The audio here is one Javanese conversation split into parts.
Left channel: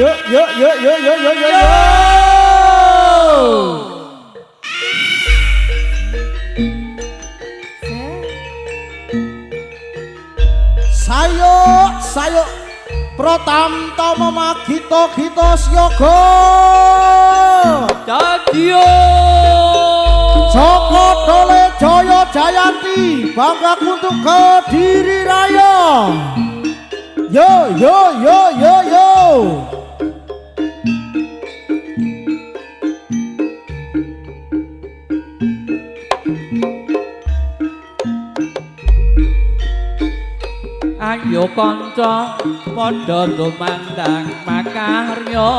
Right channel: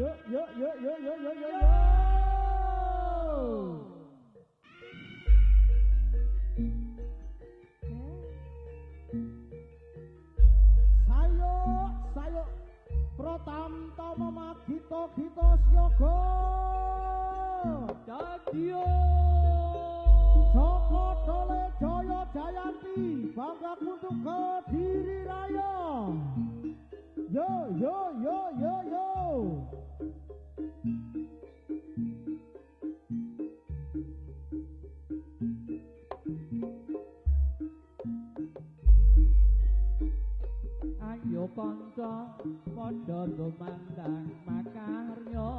Yuk, yuk, yuk, yuk, yuk, yuk, yuk. Sayo, sayo, Pratamtama magita gita siyaga. Dadya Joko Dole Jaya Jayanti bangga untuk Kediri Raya. Yo yo yo yo yo. ayo kanca padha tumandang makarya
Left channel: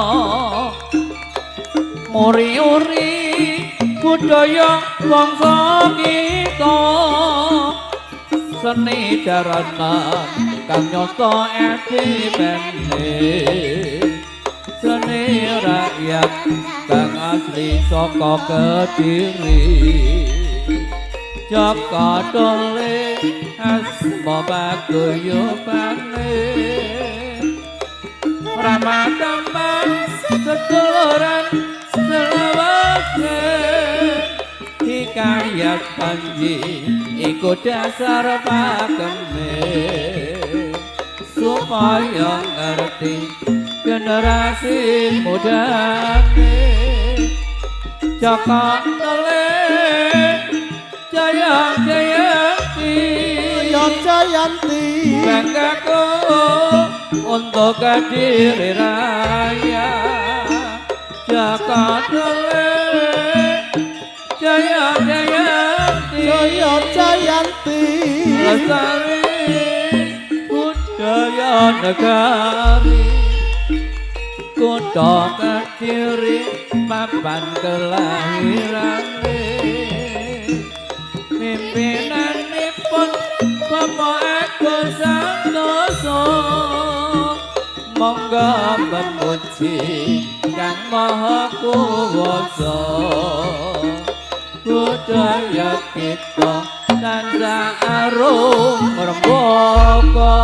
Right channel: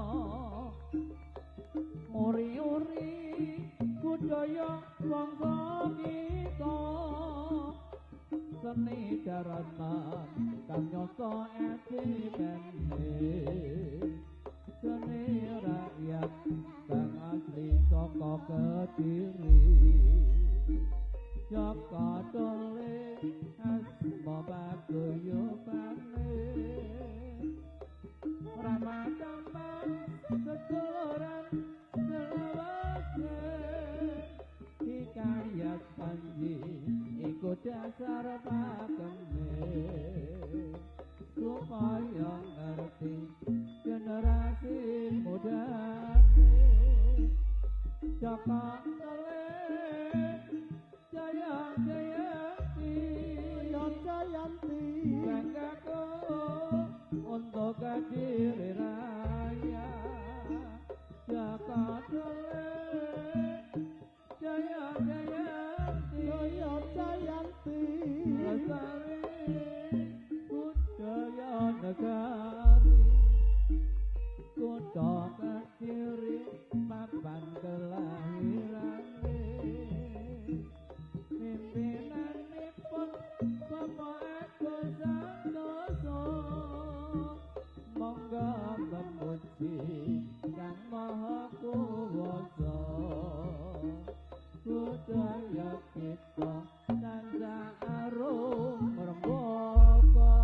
muri-uri budaya bangsa kita seni jaranan kang nyata edipene seni rakyat kang asli saka Kediri Jaka Dole asma paguyubane Ramadhan seduluran selawase hikayat panji iku dasar pakeme supaya ngerti generasi mudane Jaka Dole Jaya Jayanti Jaya Jayanti banggaku untuk Kediri Raya Jaka Dole Jaya Jayanti Jaya Jayanti lestari budaya negari kutha Kediri papan kelahirane pimpinanipun Bapak Agus Santoso monggo memuji Kang Maha Kuwasa budaya kita tansah arum rembaka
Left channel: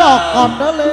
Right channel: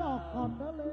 Jaka Dole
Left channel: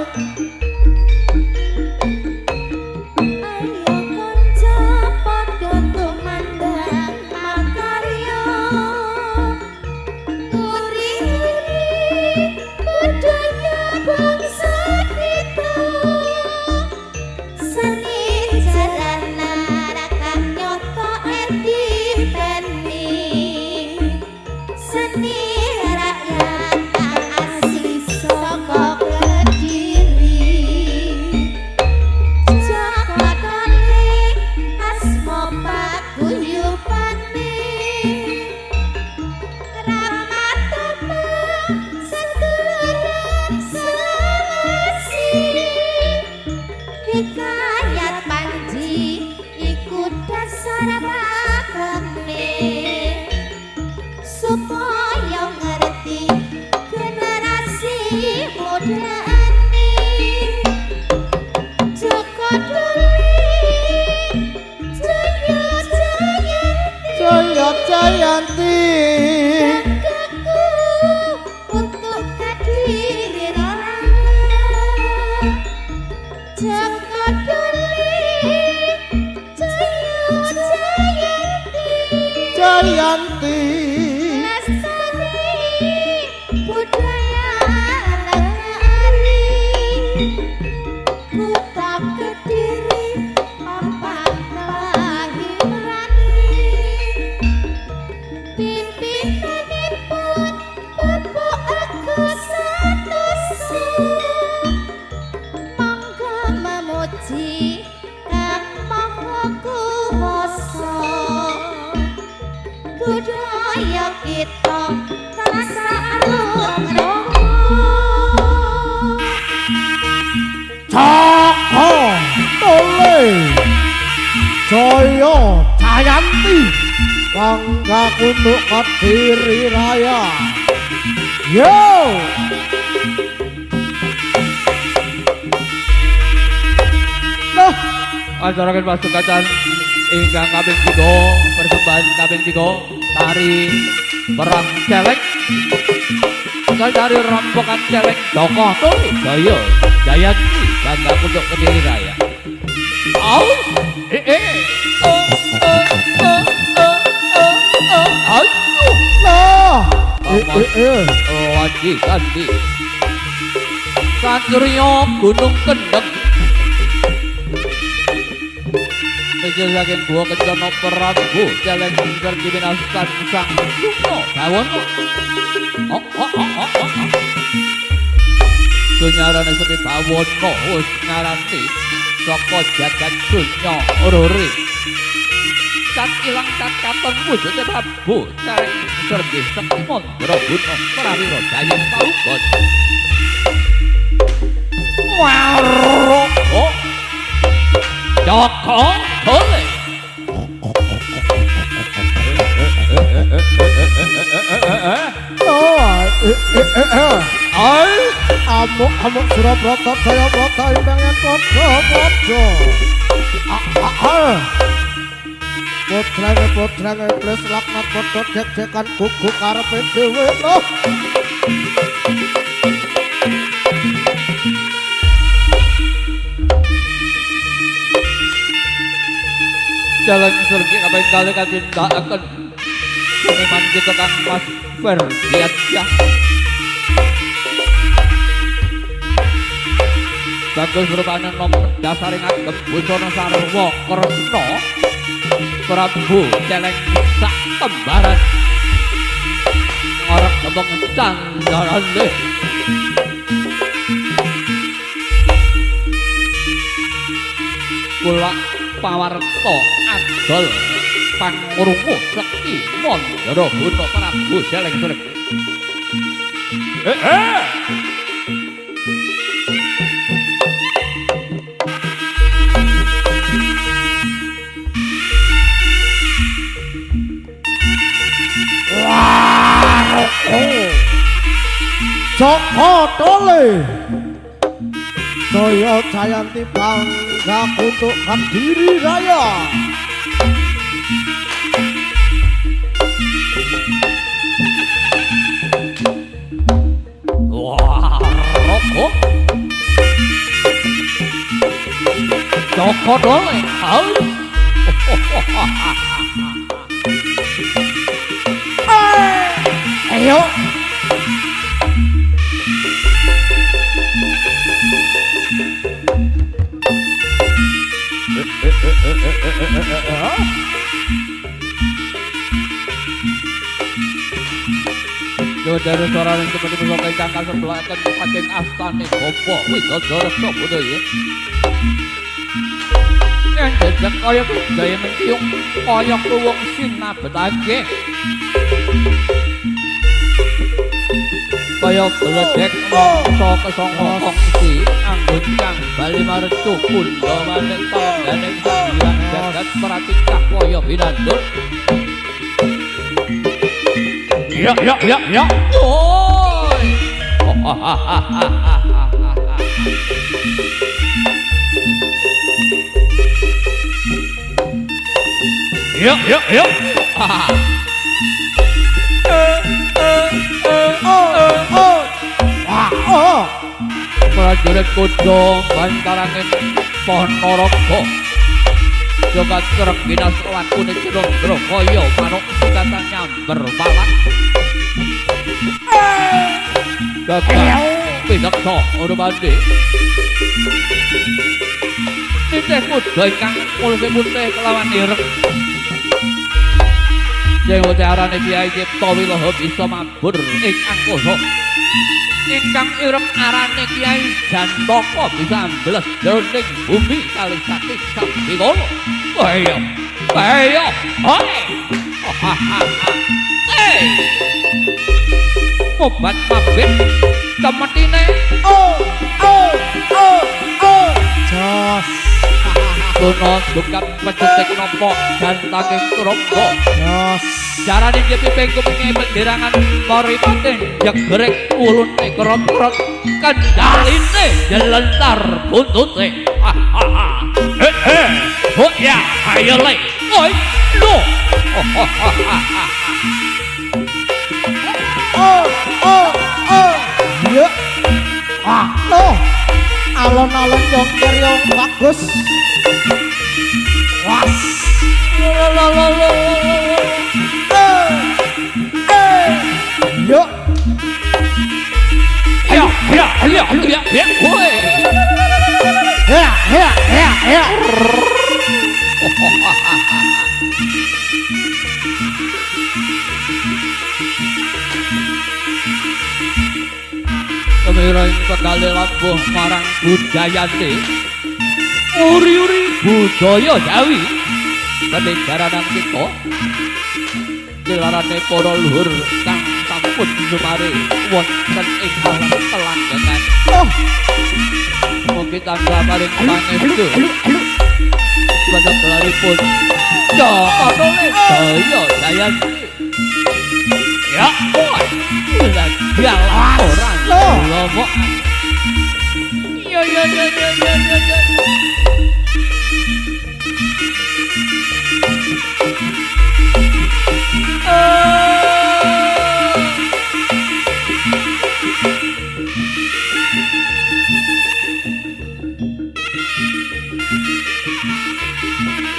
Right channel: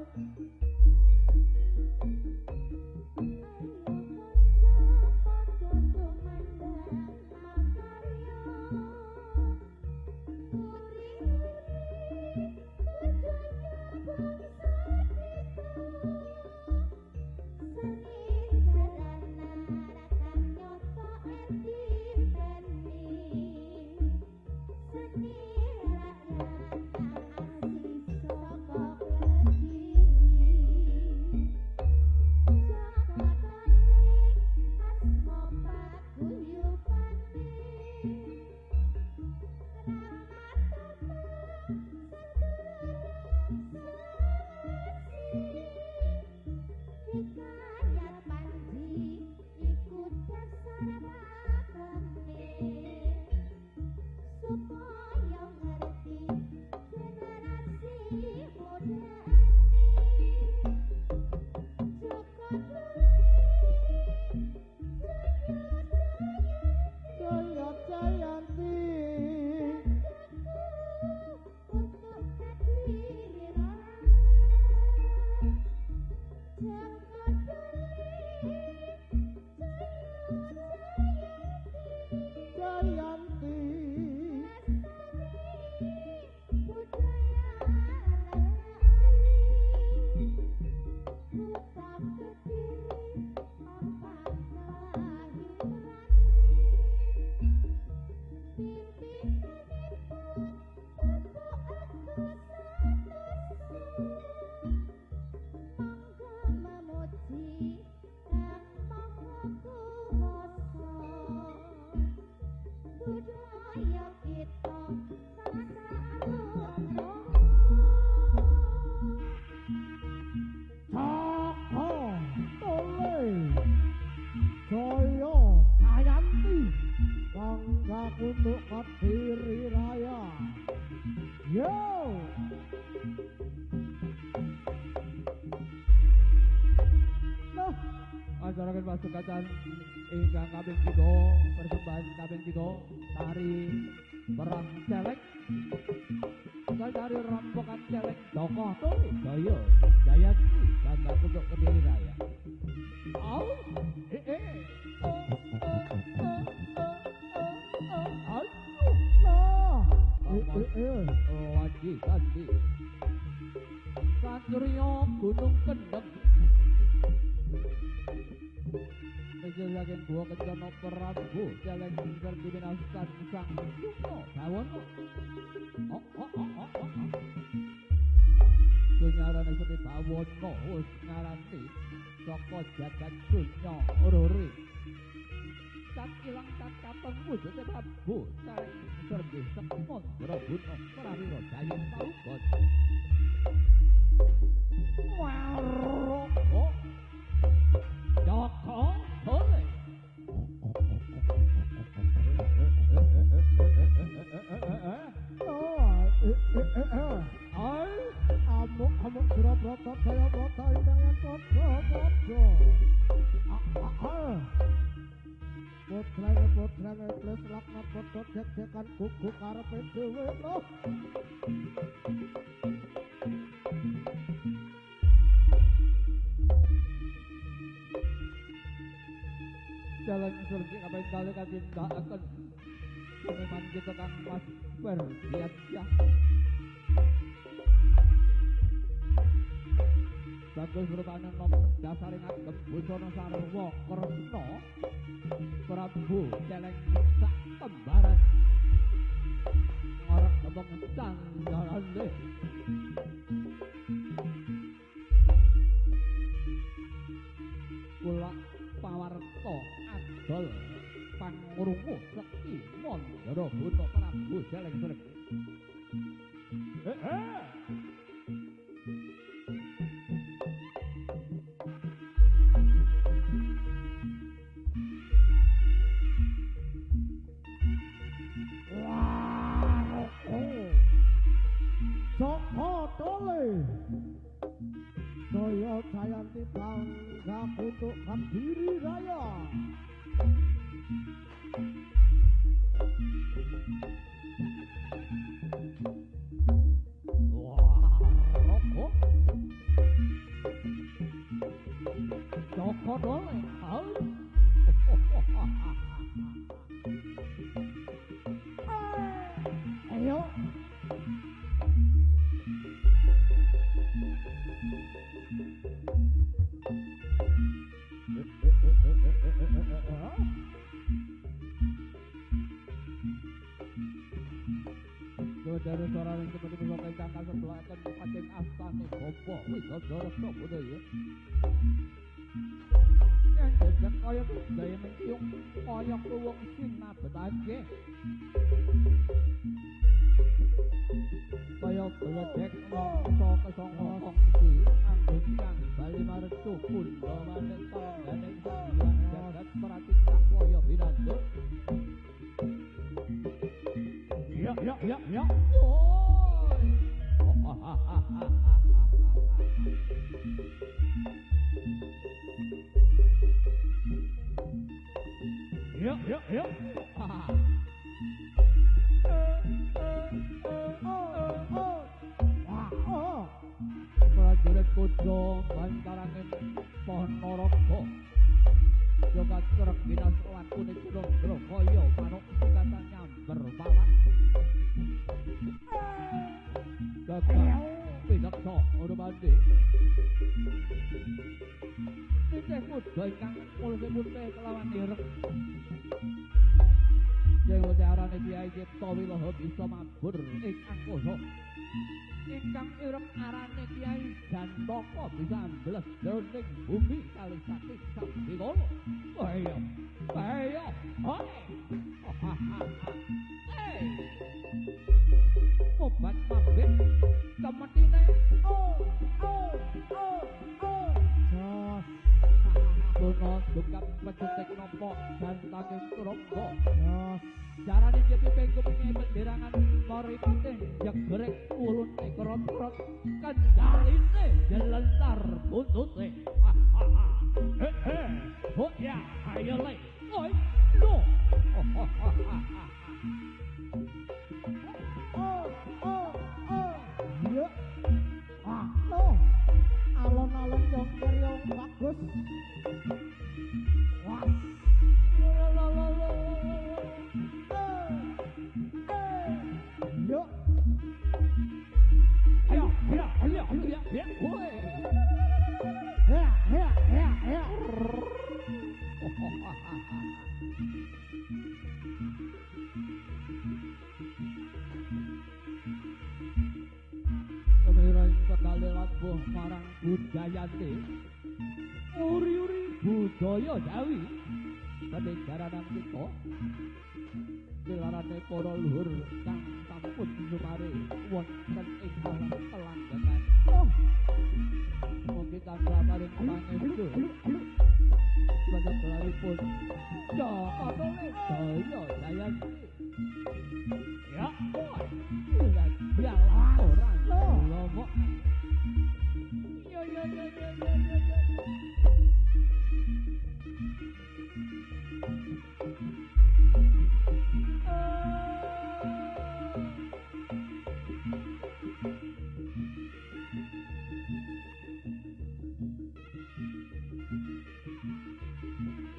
dole Jaya Jayanti bangga untuk Kediri Raya. Yo nah Acara pasukan ingkang kaping 3 persembahan kaping 3 tari perang celek tari rampokan celek tokoh tuli Jaya Jayanti bangga untuk Kediri Raya. Au Wadi Kandi Satrio Gunung Kendeng Menjelaskan gua kencana Prabu Celeng Sergi Binaskan Sang Suno Bawono Sunyarane sepi Bawono wis ngaranti saka jagat dunya ururi cat ilang cat katon wujude Prabu Celeng Sergi Sekti Mandra Guna Prawira Jaya Paugon Waroko Joko Tole amuk Surabrata Jayabrata imbangan padha-padha. Putrane iblis laknat padha jek-jekan gugu karepe dhewe loh. Jalan Sergi kaping kali katindakaken seniman kita Kang Mas Ferdiansyah. Bagus rupane nom dasaring agem Busana Sarwa Kresna Prabu Celeng sak tembaran ngarep kembang candarane kula pawarta adol pangurungu Sekti Mandra Guna Prabu Celeng Sergi. Joko Tole Jaya Jayanti bangga untuk Kediri Raya. Waroko Joko Tole Ayo Jawa dari suara yang seperti besokai cangkal sebelah akan pating astane gopo Widodara Sabudaya. Yang jejak kaya budaya mentiung kaya kuwung sinabetake. Kaya beledek mongso kesangka kongsi anggun kang bali marcu pundha maning tangganing sembilan jagat pratingkah kaya binandut. Ya. Oi. Ya. Prajurit kuda bantarangin Ponorogo Jogat kerek binas lakune Cirondro kaya manuk sikatan nyamber balak Gagah pineksa urmandi Nitih kuda ingkang mulih putih kelawan ireng Dewa arane Kyai Cipta Wilaha bisa mabur ing angkasa ingkang ireng arane Kyai Jantaka bisa ambles jroning bumi kalih saking Sambikala. Kaya. Mobat mabit temetine. Jos. Arjuna dukat pecetik nopo jantaking trompo. Yos. Jarane piping kupinge penderangan paripaten jegrek ulune krot-krot kendaline jelentar buntute. Oh ya, ayo le. Oi, no. Ya. Loh. Alon-alon yang bagus. Was. Yuk. Ayo, ya, woi. Ya. Kemiring pekali lampuh marang budayane. Uri-uri budaya Jawi. Peninggaran kita. Dilarane para luhur kang sampun sumare wonten ing alam telanggengan. Mugi tansah paring pangestu. Sebagai gelaripun Jaka Tole Jaya Jayanti. Ya, boy. Lagi orang lomok. Ya.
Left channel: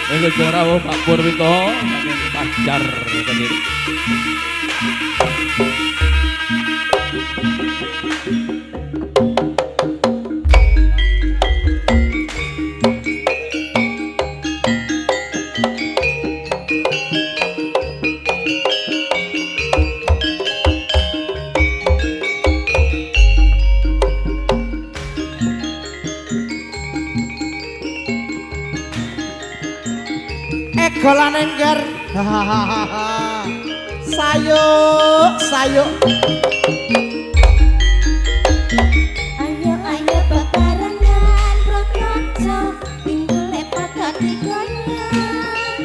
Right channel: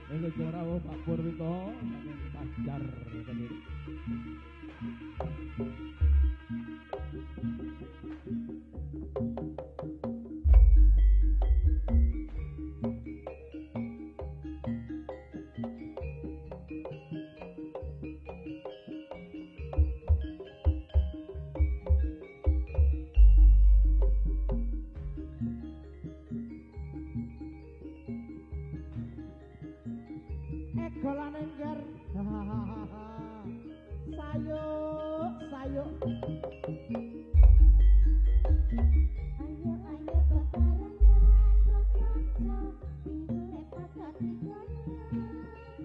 Ini suara Pak Purwito saking Pajar tadi. Egolan engger. Sayuk. Ayo bebarengan rokoco pinggule padha digoyang.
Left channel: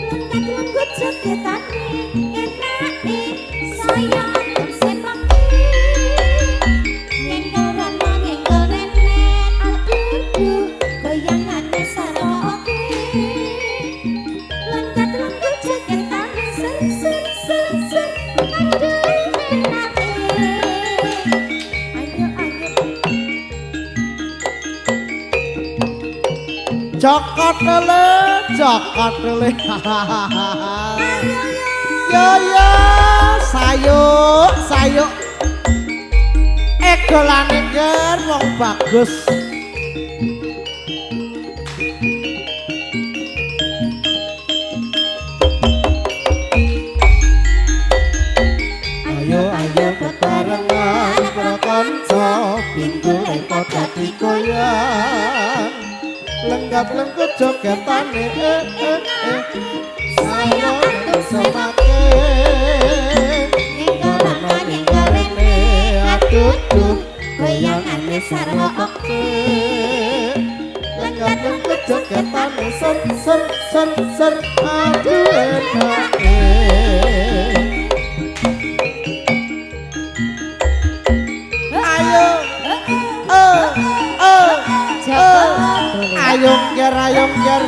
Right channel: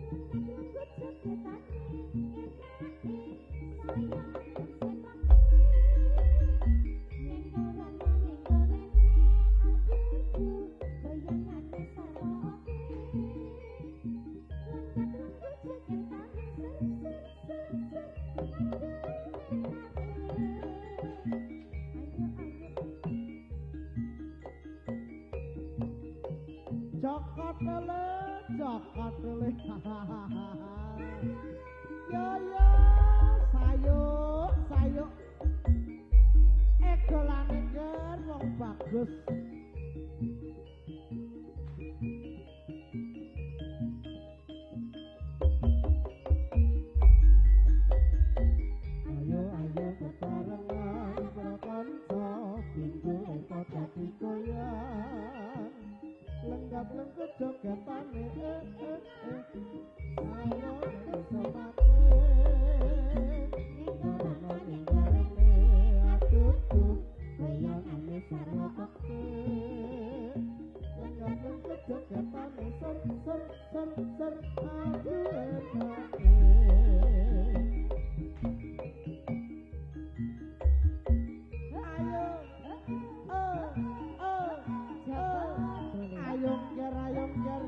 Lengket-lengket jogetane enake saya sepake. Ngengkel renen aduh goyangane saroke. Lengket-lengket jogetane ser aduh enake. Jaka Tole. Ya, sayuk. Egolan engger wong bagus. Ayo bebarengan prakanca pinggule padha digoyang. Lenggap-lengkut jogetane saya semake ninggalane aduh goyangane saroke lenggap-lengkut jogetane ser aduh enake ayong ger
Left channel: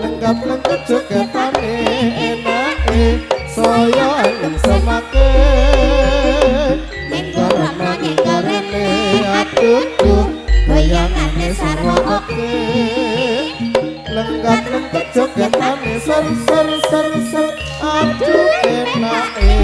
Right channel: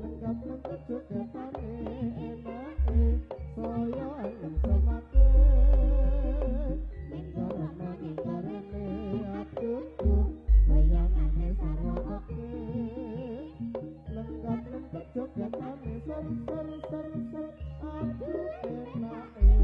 lenggap-lengkut jogetane enake saya yang semake nenggarane aduh goyangane saroke lenggap-lengkut jogetane ser aduh enake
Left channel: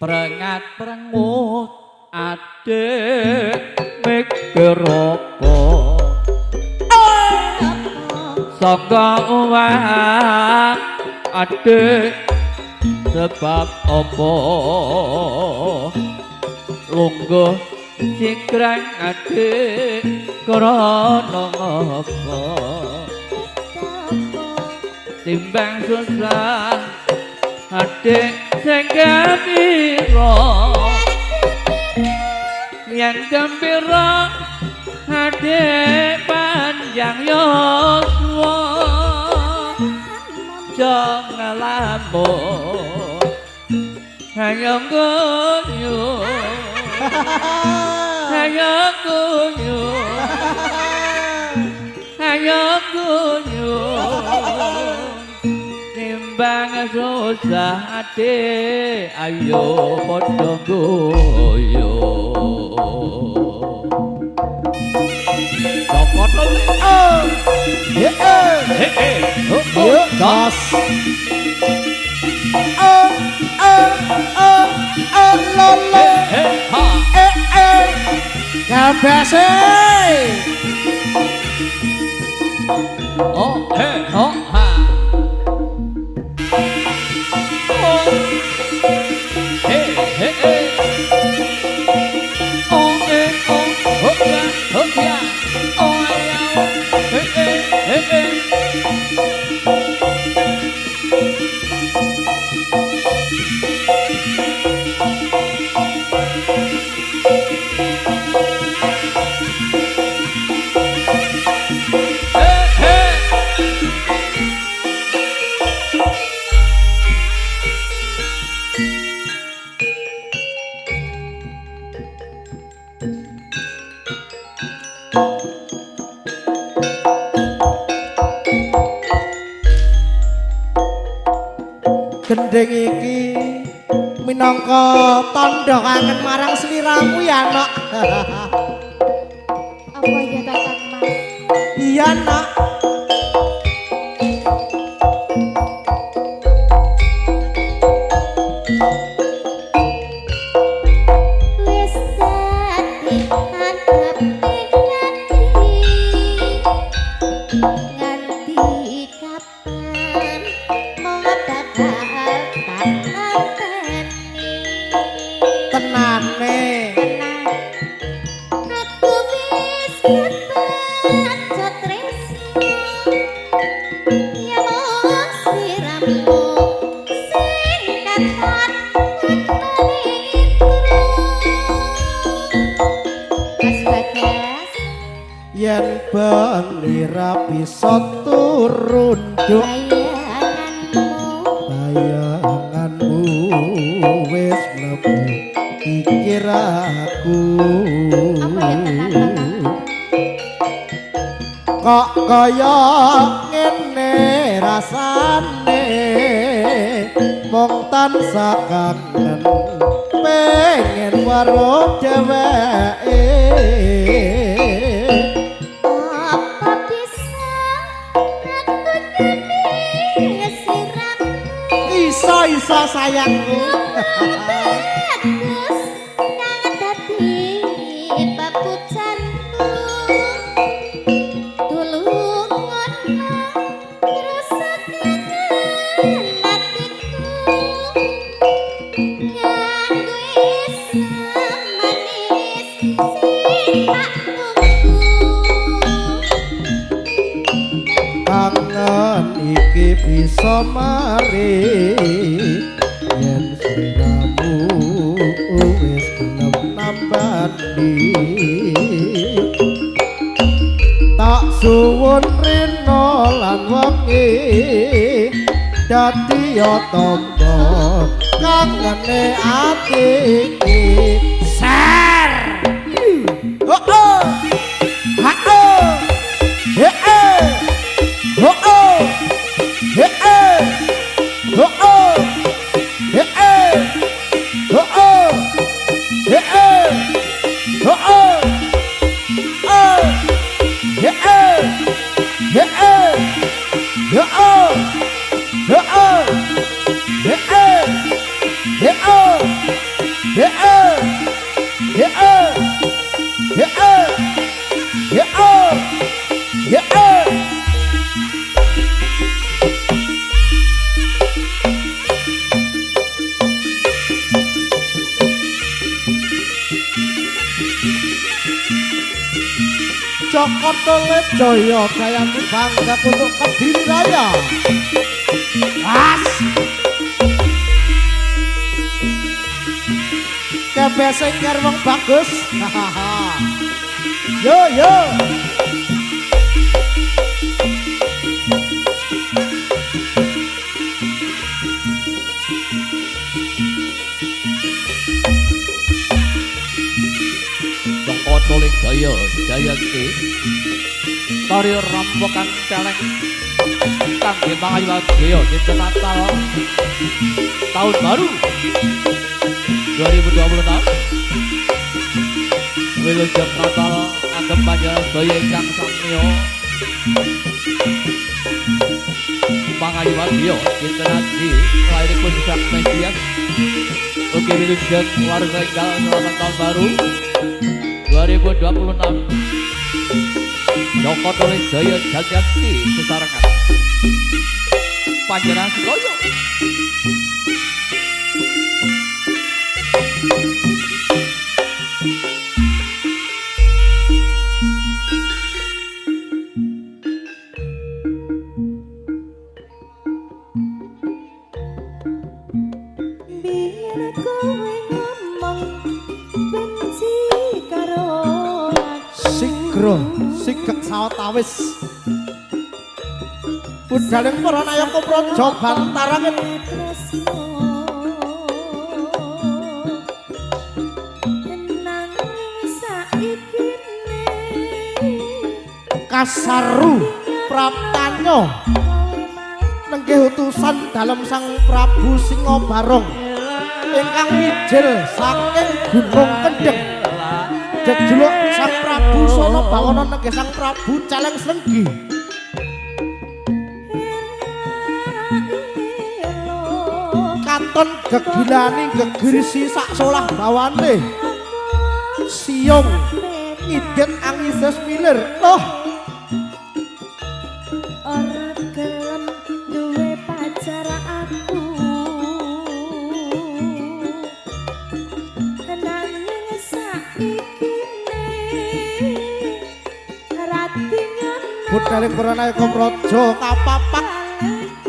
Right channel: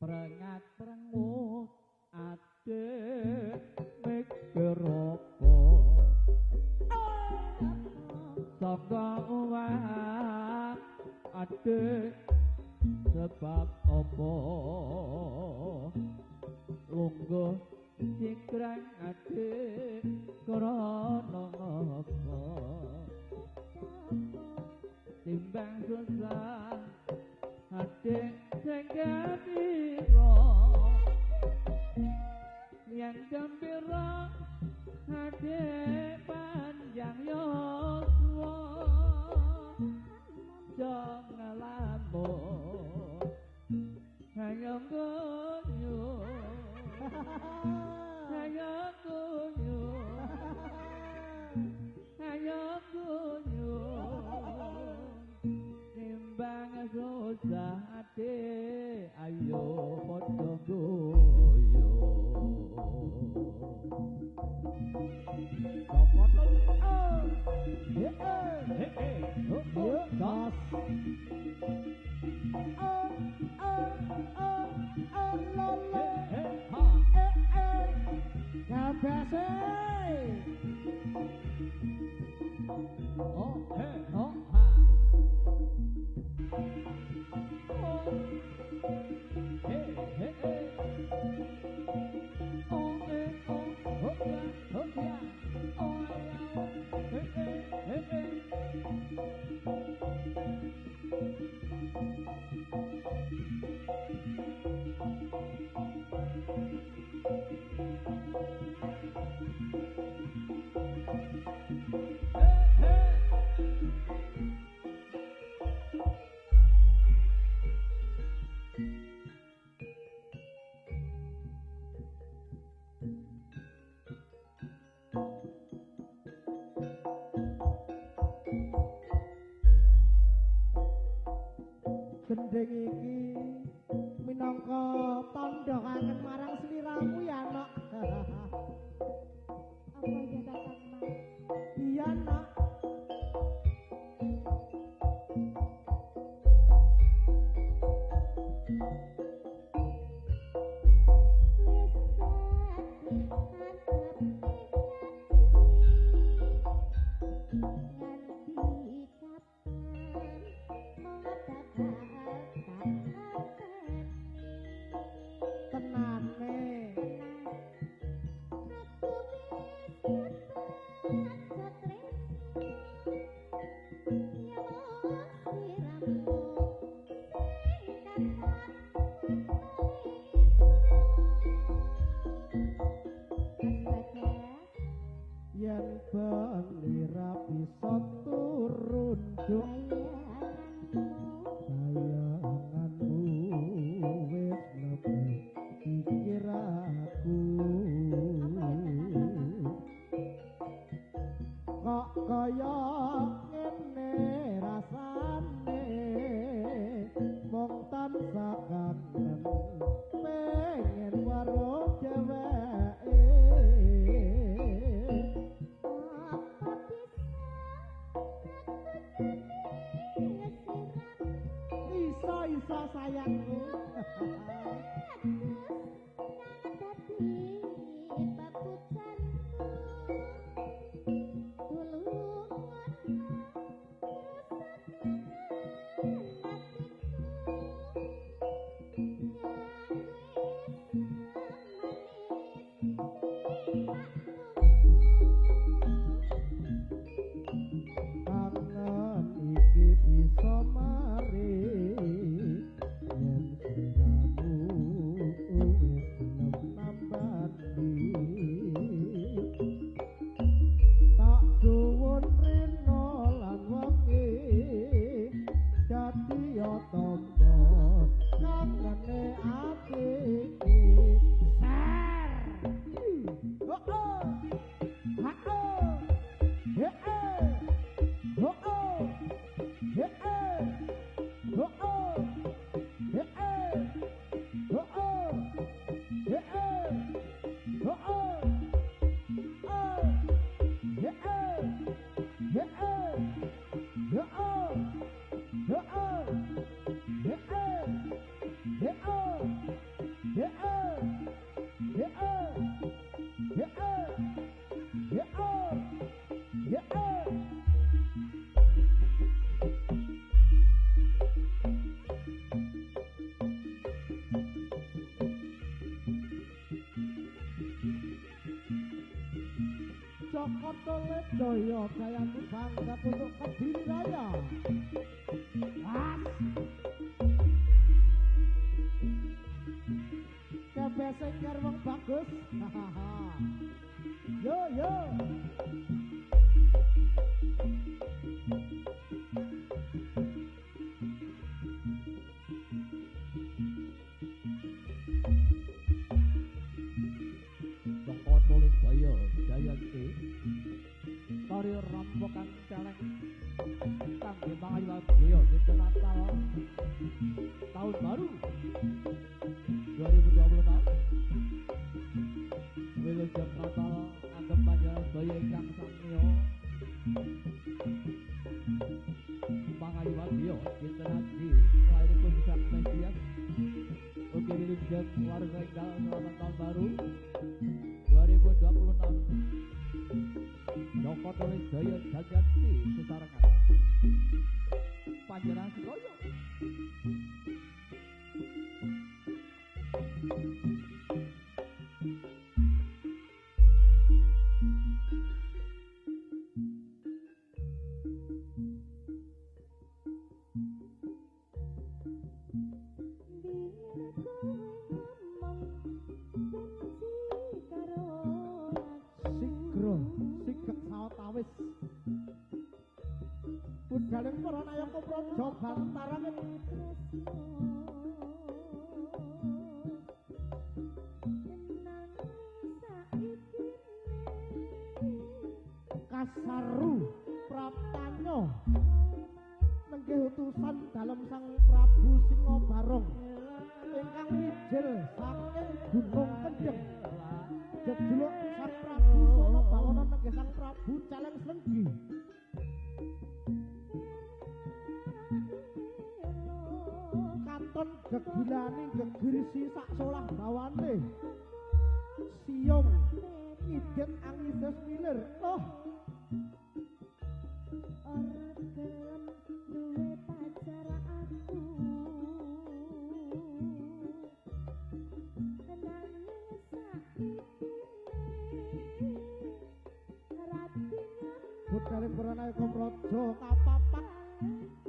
Perengat perengut adik mikir apa saka uwah adik sebab apa lungguh sikrang adik krana apa timbang susah adik sing gembira yen gembira adik panjang yuswa jangan lamun hayang guyu hayang guyu hayang guyu timbang susah ate ayo padha guyu copot gas lolo kabese oh hey oh ha oh hey hey hey oh hey oh ya oh ya hey hey hey gendeng iki minangka tandha kangen marang sliramu ya nak Apa ya Kakang Mas? iya nak Wis dadi adepe nganti kapan mong bakal tak anteni tenane aku wis kebaca tresno ya mong sliramu sing katon Mas Bagas yen bengira bisa turun juk bayanganmu wis mlebu pikir aku kok kaya ngene rasane mung tansah kangen pengen weruh dheweke apa bisa aku nyanyi siramu iso sayangku bagus kang dadi papucanku tulungan rusak kangen hatiku nganggo manis sing tak tunggu kangen iki bisa mari yen sliramu wis gelem nambani tak suwun rena lan wengi dadi ya tamba kangene ati iki ser oh oh ha oh he oh oh he oh oh he Joko Tolet Jaya Jayanti bangga untuk Kediri Raya. As. Kebeseng kerwong bagus. Yo yo. Joko Tolet Jaya Jayanti Tari Rampokan Celeng kangge mangayu dinten Natal tahun baru 2026 Wilujeng Natal agem panjenengan sedaya ingkang samiya mangayu dinten adi lairipun sak Mesias ugi wilujeng keluarga enggal selamat tahun baru 2026 Joko Tolet Jaya Jayanti sesarengan panjenengan sedaya Biar kowe ngomong benci karo Sigro sigek sawetawis. Budhaling para nayaka praja bantarangen Kasaru Praptanyo nenggih utusan dalem Sang Prabu Singabarong ingkang mijil saking Gunung Kendheng. Jejuluk Sang Prabu Sono Bawana nenggih Sang Prabu Celeng Srenggi. Katon gegilani gegirisi sak solah bawane. Siung idit angises milir. Loh, ora gelem duwe pacar aku nanging saiki ratinya budhaling para nayaka praja kapapak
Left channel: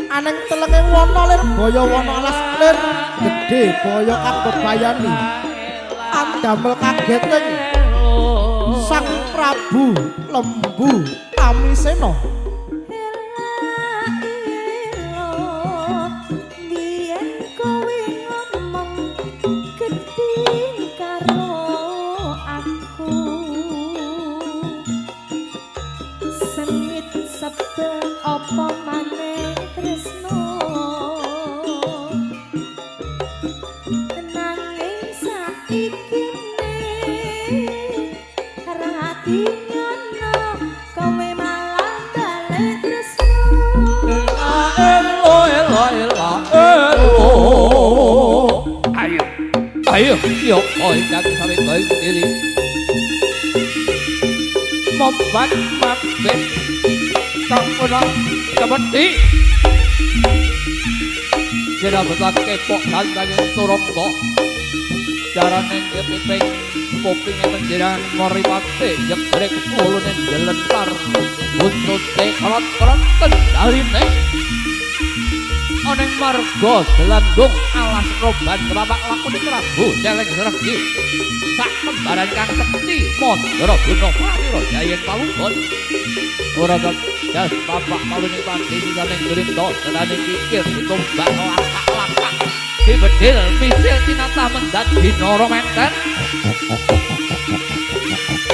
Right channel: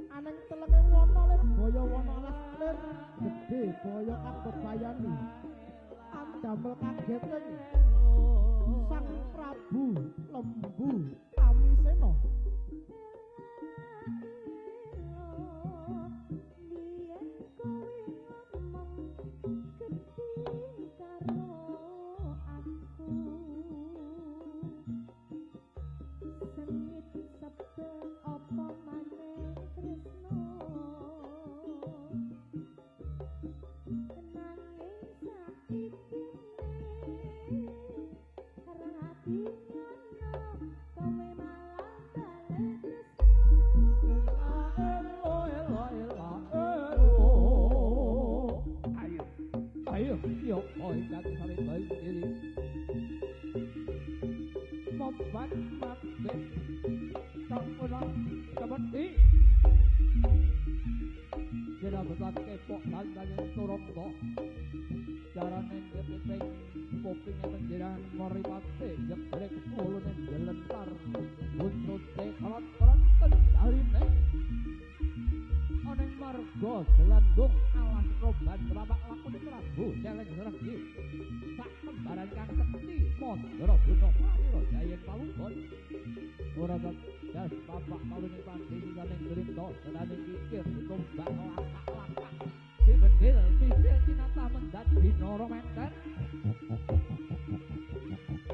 aneng telenge wana lir baya wana alas lir gedhe baya kang bebayani andamel kageteng Sang Prabu Lembu Amisena. biyen kowe ngomong gedhe karo aku sengit sabda apa maneh tresno nanging saiki hati nyono kowe malah balik tresno Ayo, yo, ingkang sami baik diri. Mobat mabit sampuna kebeti. Jera betak kepok sandanging turangga. Jarane kepiping kupinge penjiran moripate jegrek ulune jelentar. Buntute kerot-kerot kendharine. Oneng marga delandung alas roban bapak lakune Prabu Celeng Srenggi sak kembaran kang sekti Mandara Guna Pratira Jayen Pawugon ora jas bapak paluning pati sisaning grinda tenane pikir ditumbak lakak-lakak dibedil misil tinatah mendat dinara menten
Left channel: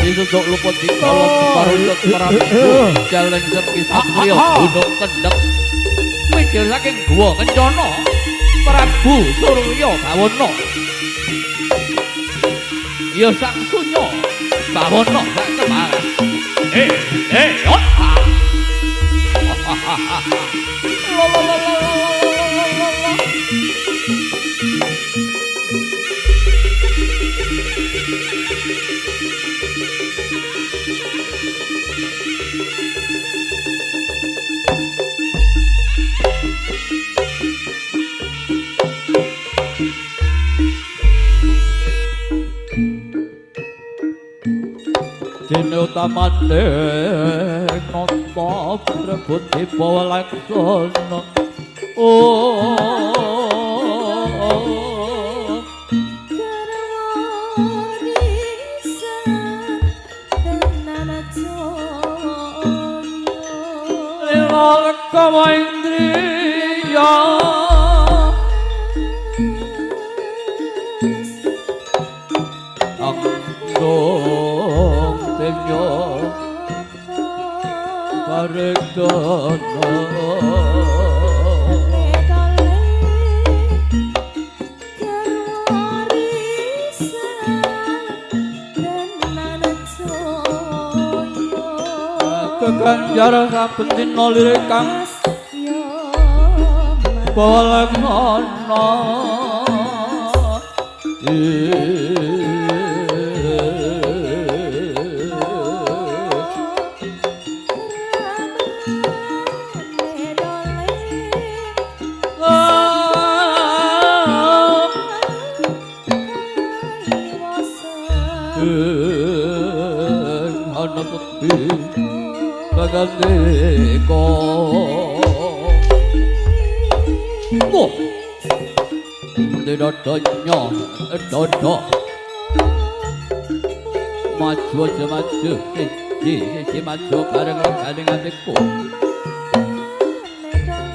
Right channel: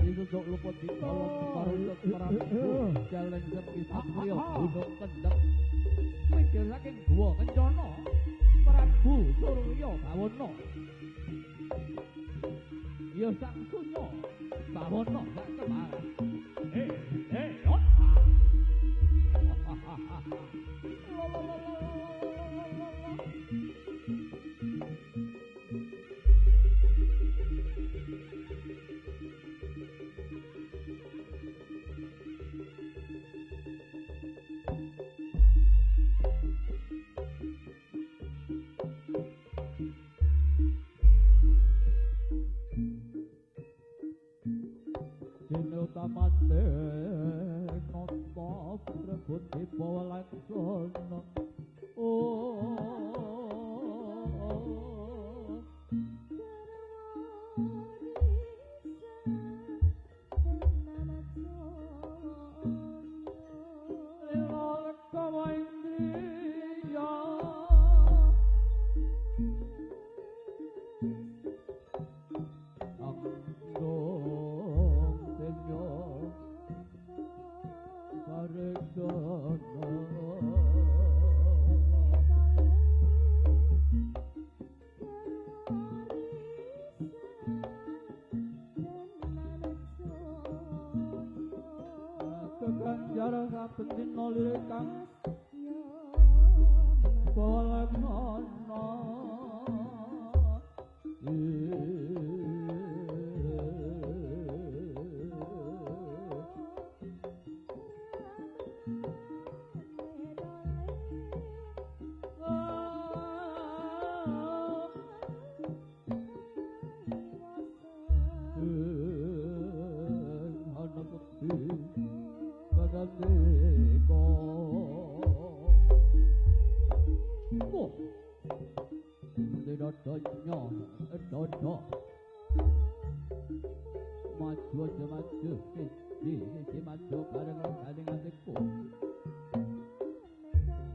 disuduk luput di kolom parutut Prabu Celeng Srenggi Satrio Gunung Kendheng mikir saking guwa kencana Prabu Surya Bawana ya sang sunya Bawana sak kembaran utamane nata prebut dibawa laksana Kama indriya Angdong tenyo Paregdana Keganjar saben dina lirik kang Balaksana ana tepi bagandeka oh dodonya dodo maju aja maju siji maju bareng adikku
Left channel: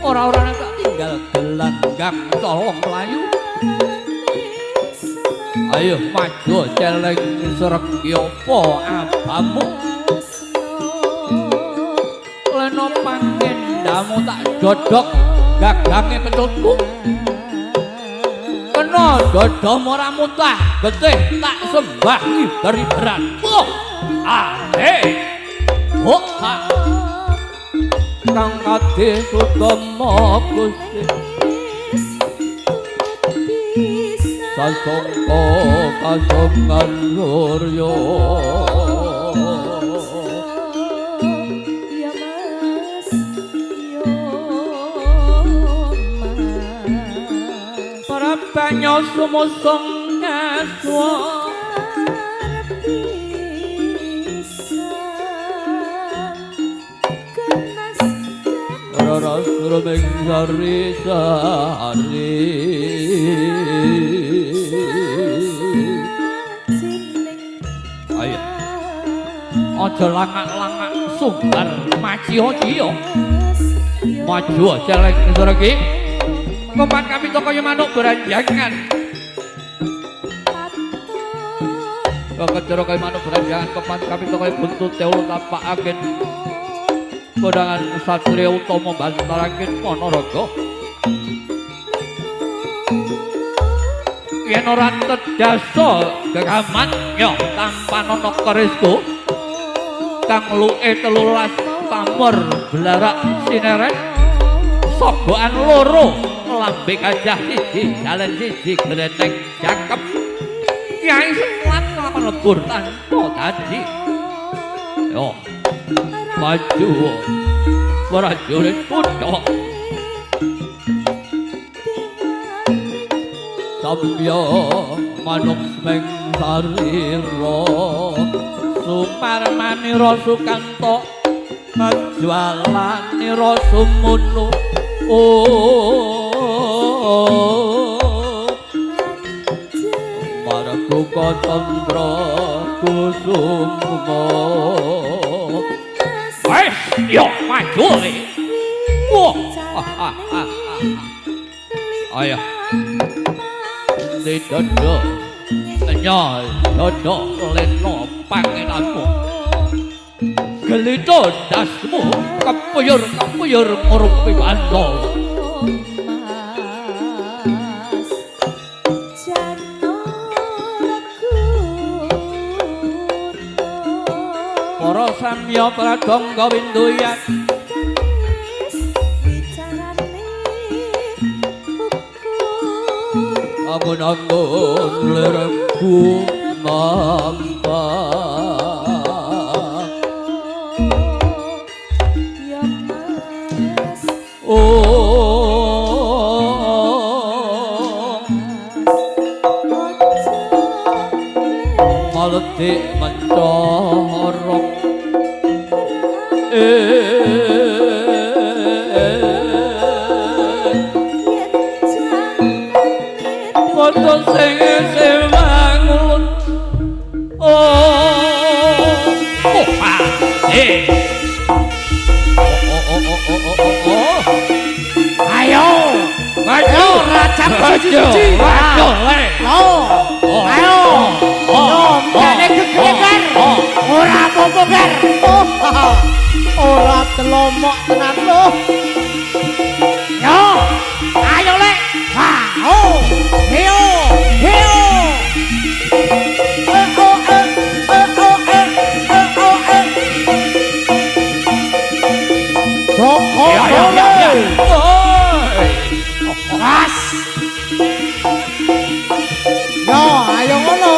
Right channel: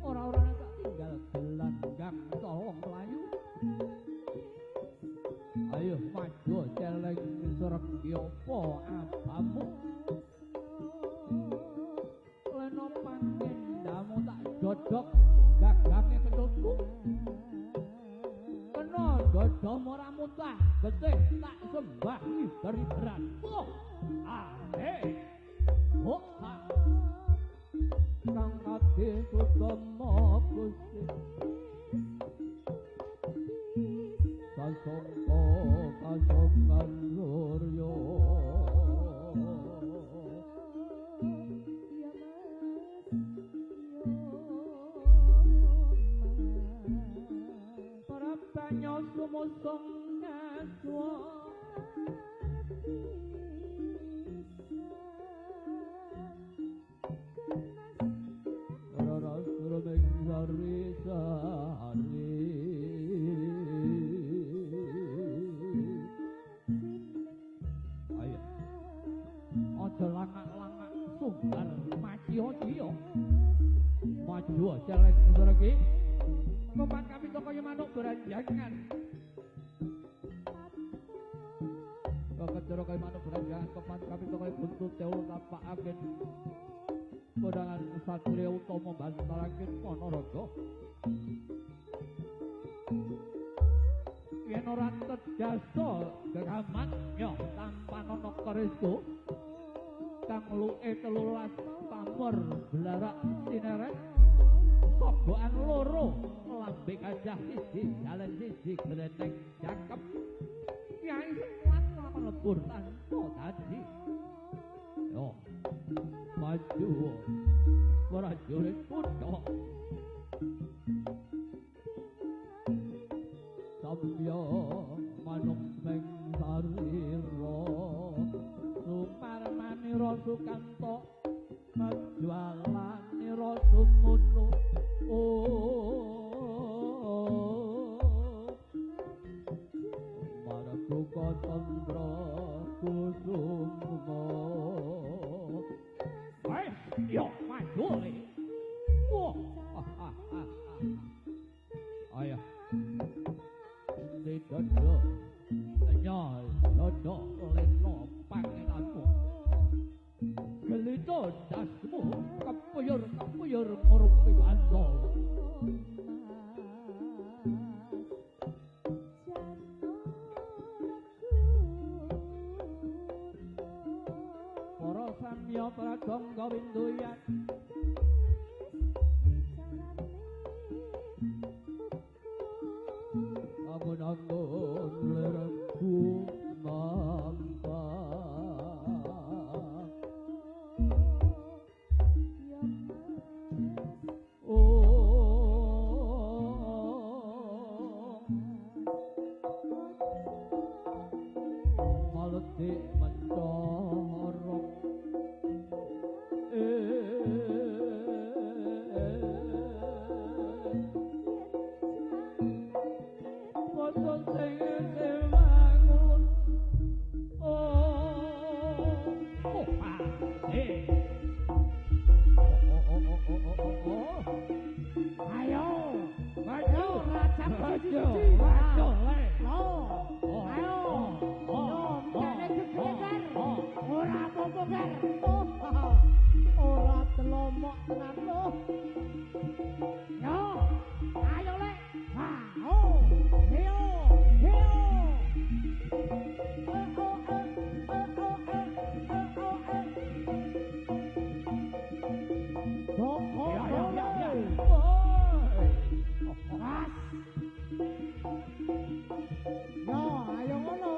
ora-ora tak tinggal gelanggang tolong melayu ayo maju celeng sregi apa abamu leno pangendamu tak dodok gagange peculku kena dodomu ora mutah getih tak sembah ibar-ibaran oh ahe oh ha kang ati sutama Gusti sasongko kasongan luryo para banyo sumusong ngaswa rara surmeng sari-sari aja langak-langak sumbar maci-ocio maju celeng sregi kompak kami kaya manuk beranjangan kecero kaya manuk beranjangan kompak kami kaya buntut teul tapak agen kodangan satria utama bantaraken Ponorogo yen ora tedasa gegaman yo tanpa ana kerisku kang luke 13 pamor blarak sineret sogokan loro lambe gajah siji jalan siji gleneng cakep Kyai Semlat melebur tanpa dadi yo maju prajurit kutha samya manuk meng sarira Suparmanira Sukanto Najwalanira Sumunu Marakuka Candra Kusuma wes yo maju ayo didodo nyol dodo leno pangenanmu gelito dasmu kepuyur ngurupi bandol para samya pradangga winduyan angun-angun lerengku nampak maletik mencorok Kondo sing isih mangun Ayo, maju raja maju maju le ayo, mene kekrekan, ora apa-apa Gar. Ora telomok tenan lho. Yo, ayo le. Heo, heo. Joko Gas. Yo, ayo ngono.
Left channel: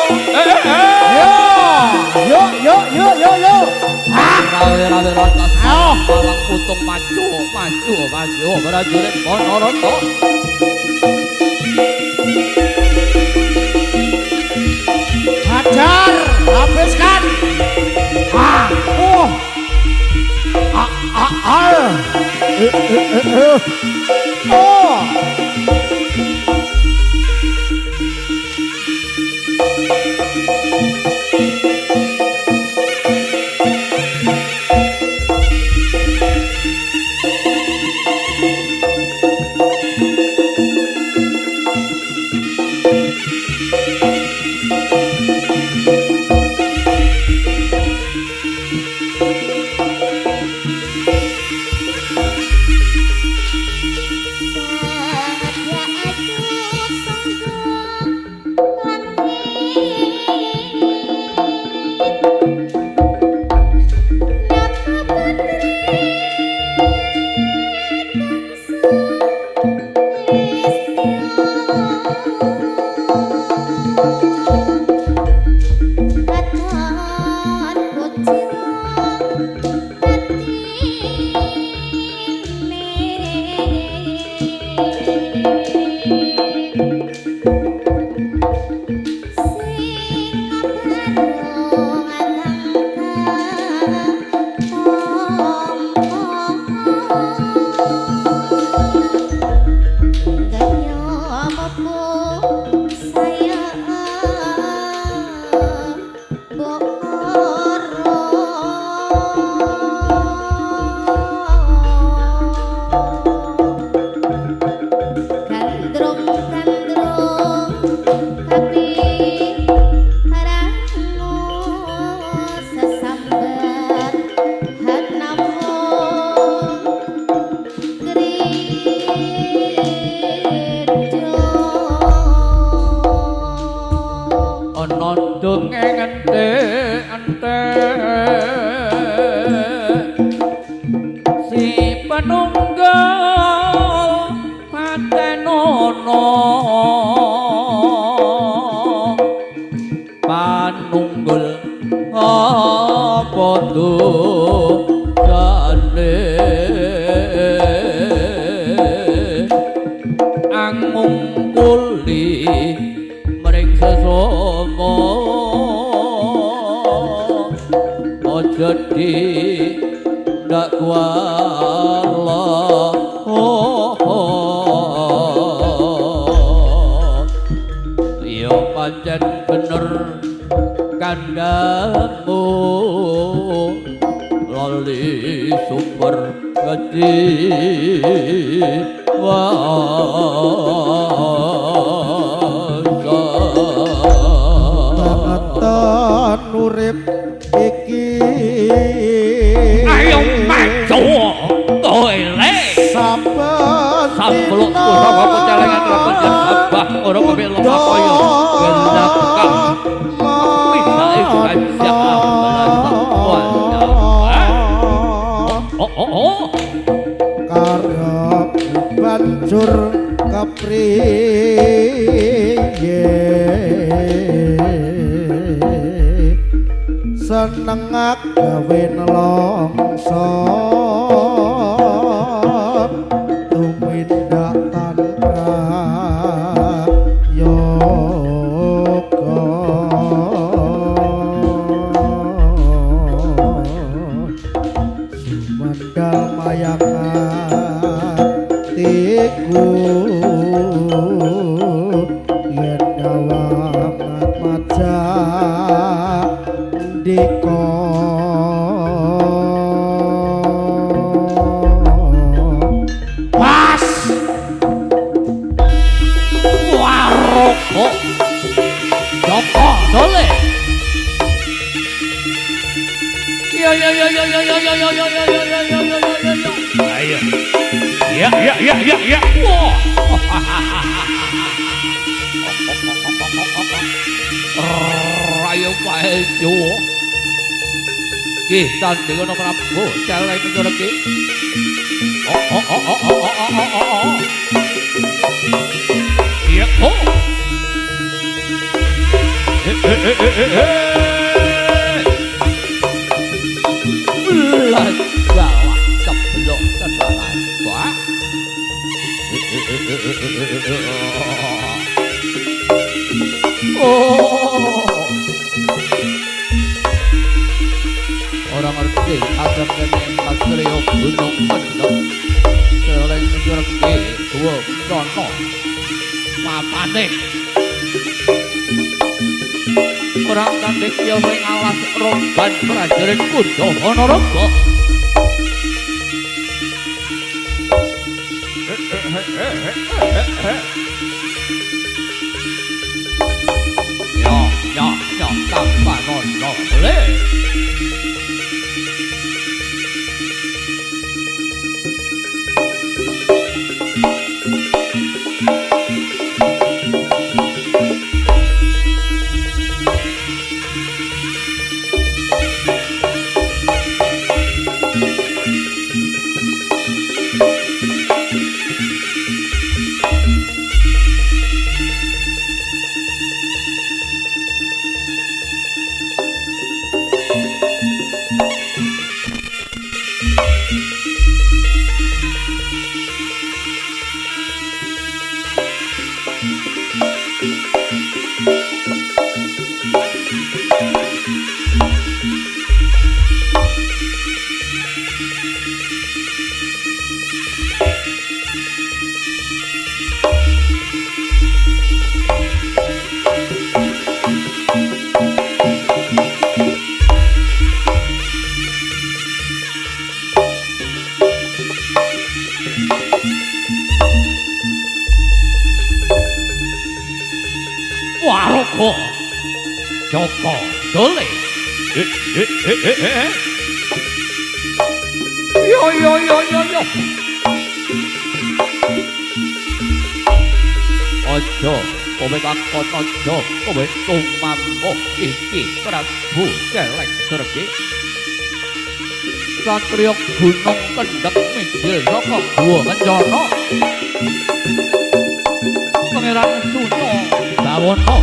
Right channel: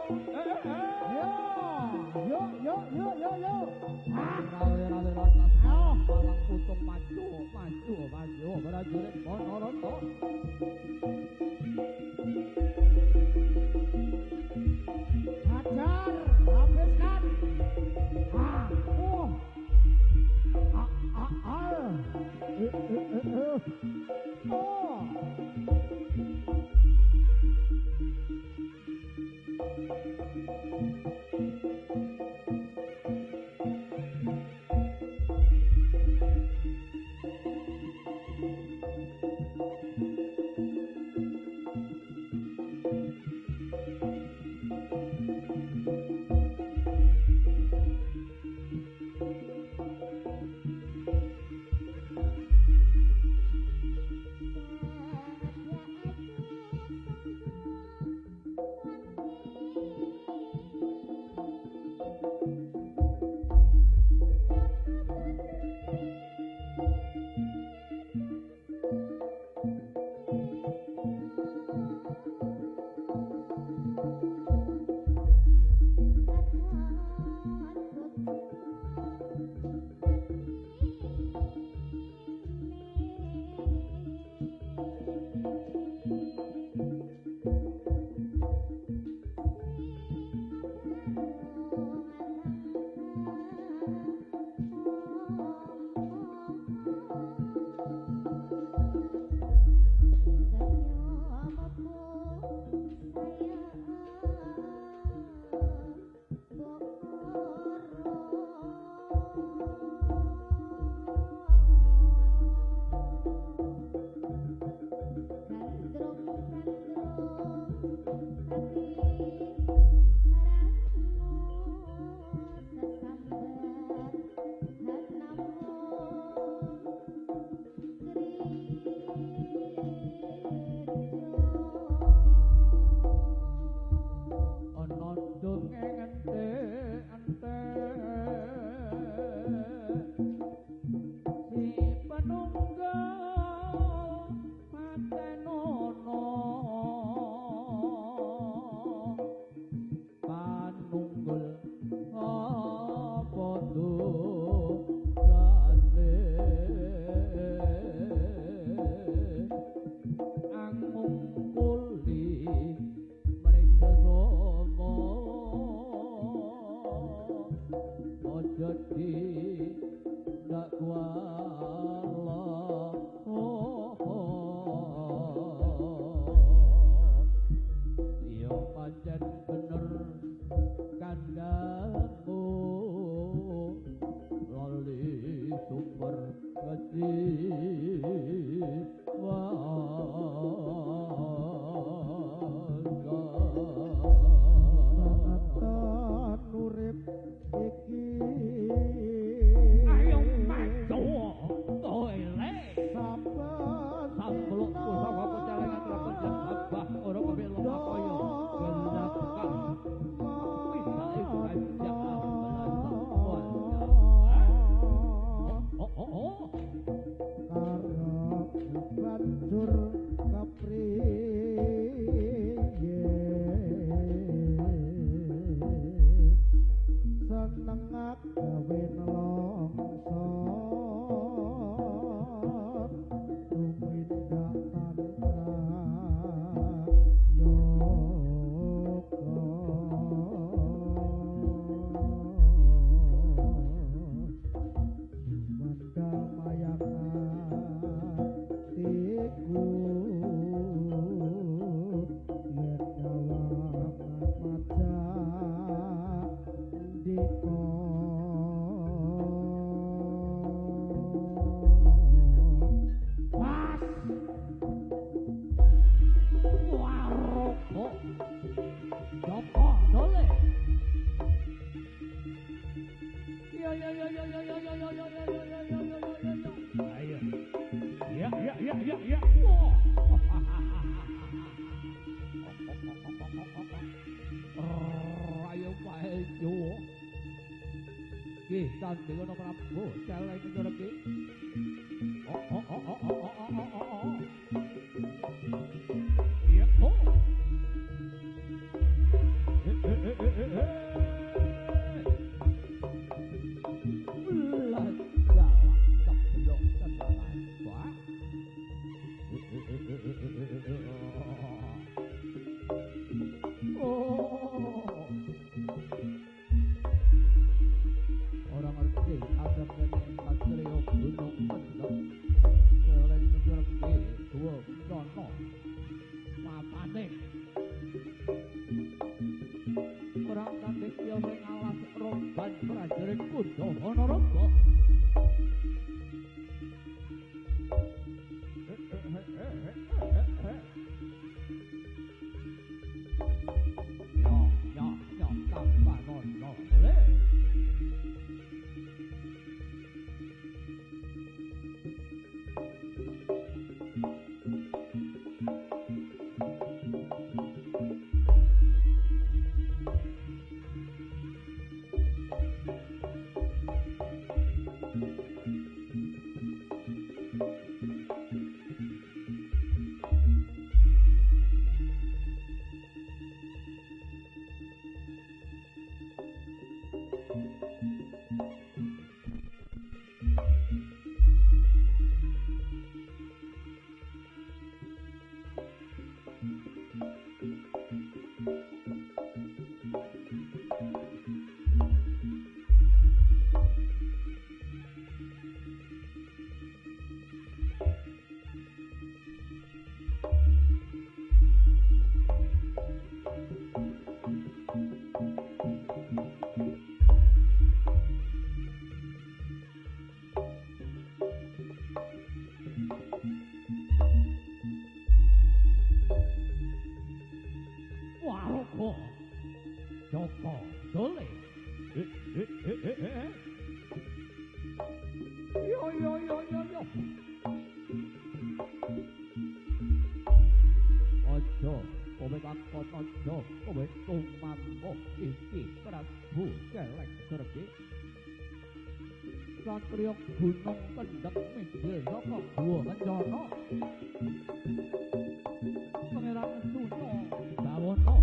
Yo. Rawe rotas palang putung maju prajurit Ponorogo. Hajar, habiskan. Senengak gawe nelongso tumindak tanpa yoga nalika pas waroko Joko dole yo yo yo yo yo yo yo yo yo yo yo yo yo yo yo ayo ya ya ya ya ya wah rayo pae Jawa nggih tandingan Prabu celeng ngono iki iya oh Ulah bawa ceblok tenalan wah oh orang ngerti asam kene Satrio Gunung Kendeng celeng ngerti dua dono mapane orang kandek ya sing alas roban prajurit Kuda Wanaraga ya tanpa nono le Waroko Joko dole yo yo yo yo yo ojo kowe kakon ojo kowe tumambo iki Prabu Celeng Sergi Satrio Gunung Kendeng minggil saka Guwa Kencana Pangeran Suno Bawana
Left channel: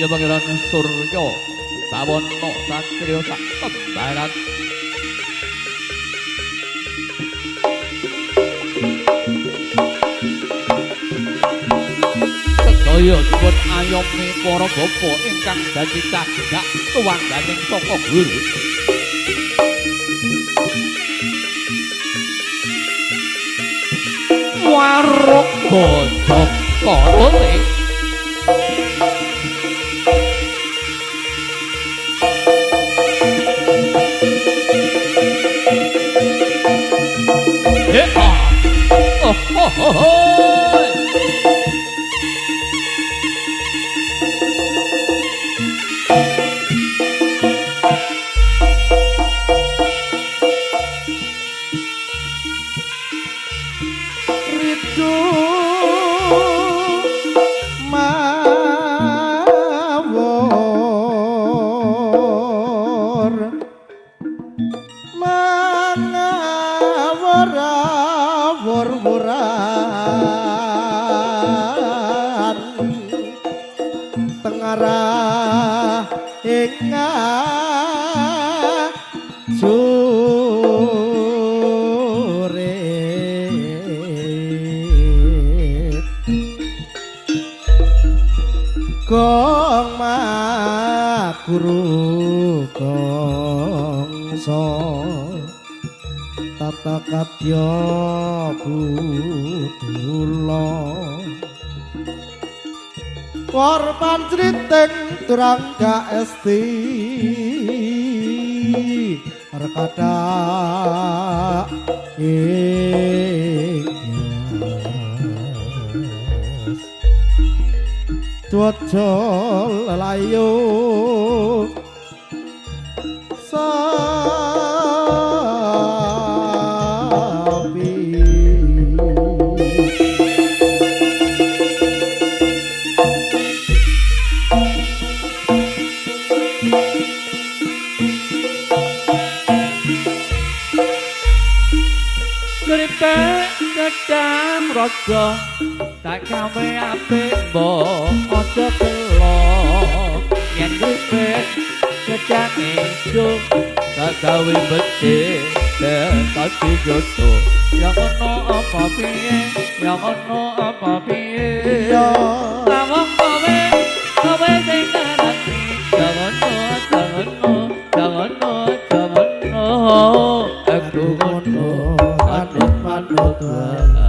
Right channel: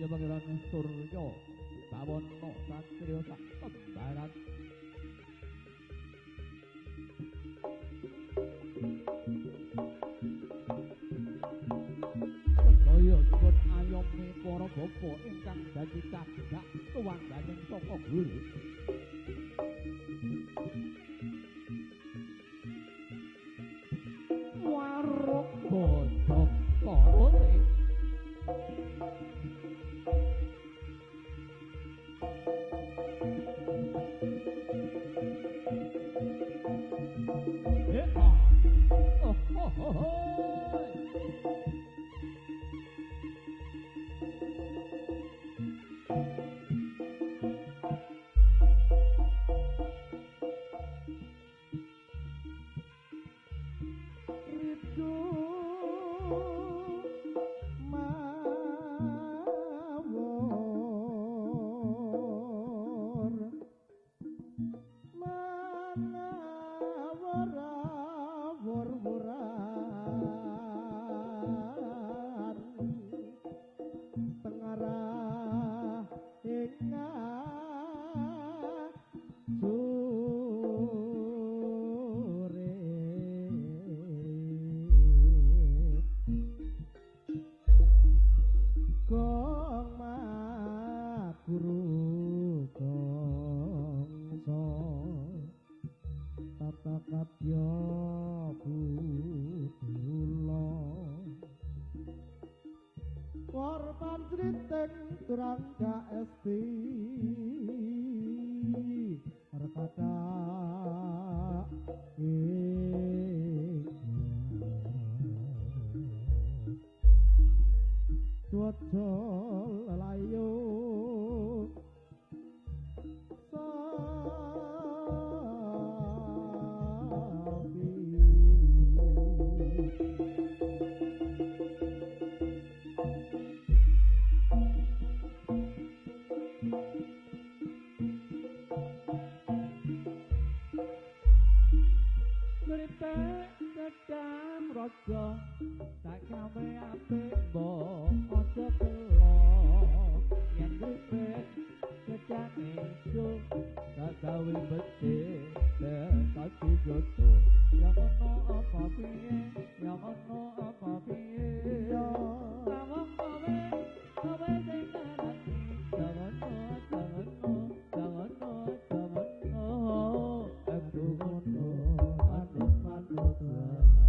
ya Pangeran Surya Bawana Satrio sak kembaran sedaya dipun ayomi para bapa ingkang dadi cagak tuwangganing saka guru Waroko Joko dole Gong Maguru Gongso Tata Katya Budula Warpan criting durang gak esti rekada Dwaja lelayo Kripik gedang raja tak gawe apik mbok aja telo yen kripik gedang ijo tak gawe becik tak dijoto yang ono apa piye yang ono apa piye ya awak kowe sing ngerti jangan aku ngono manut wae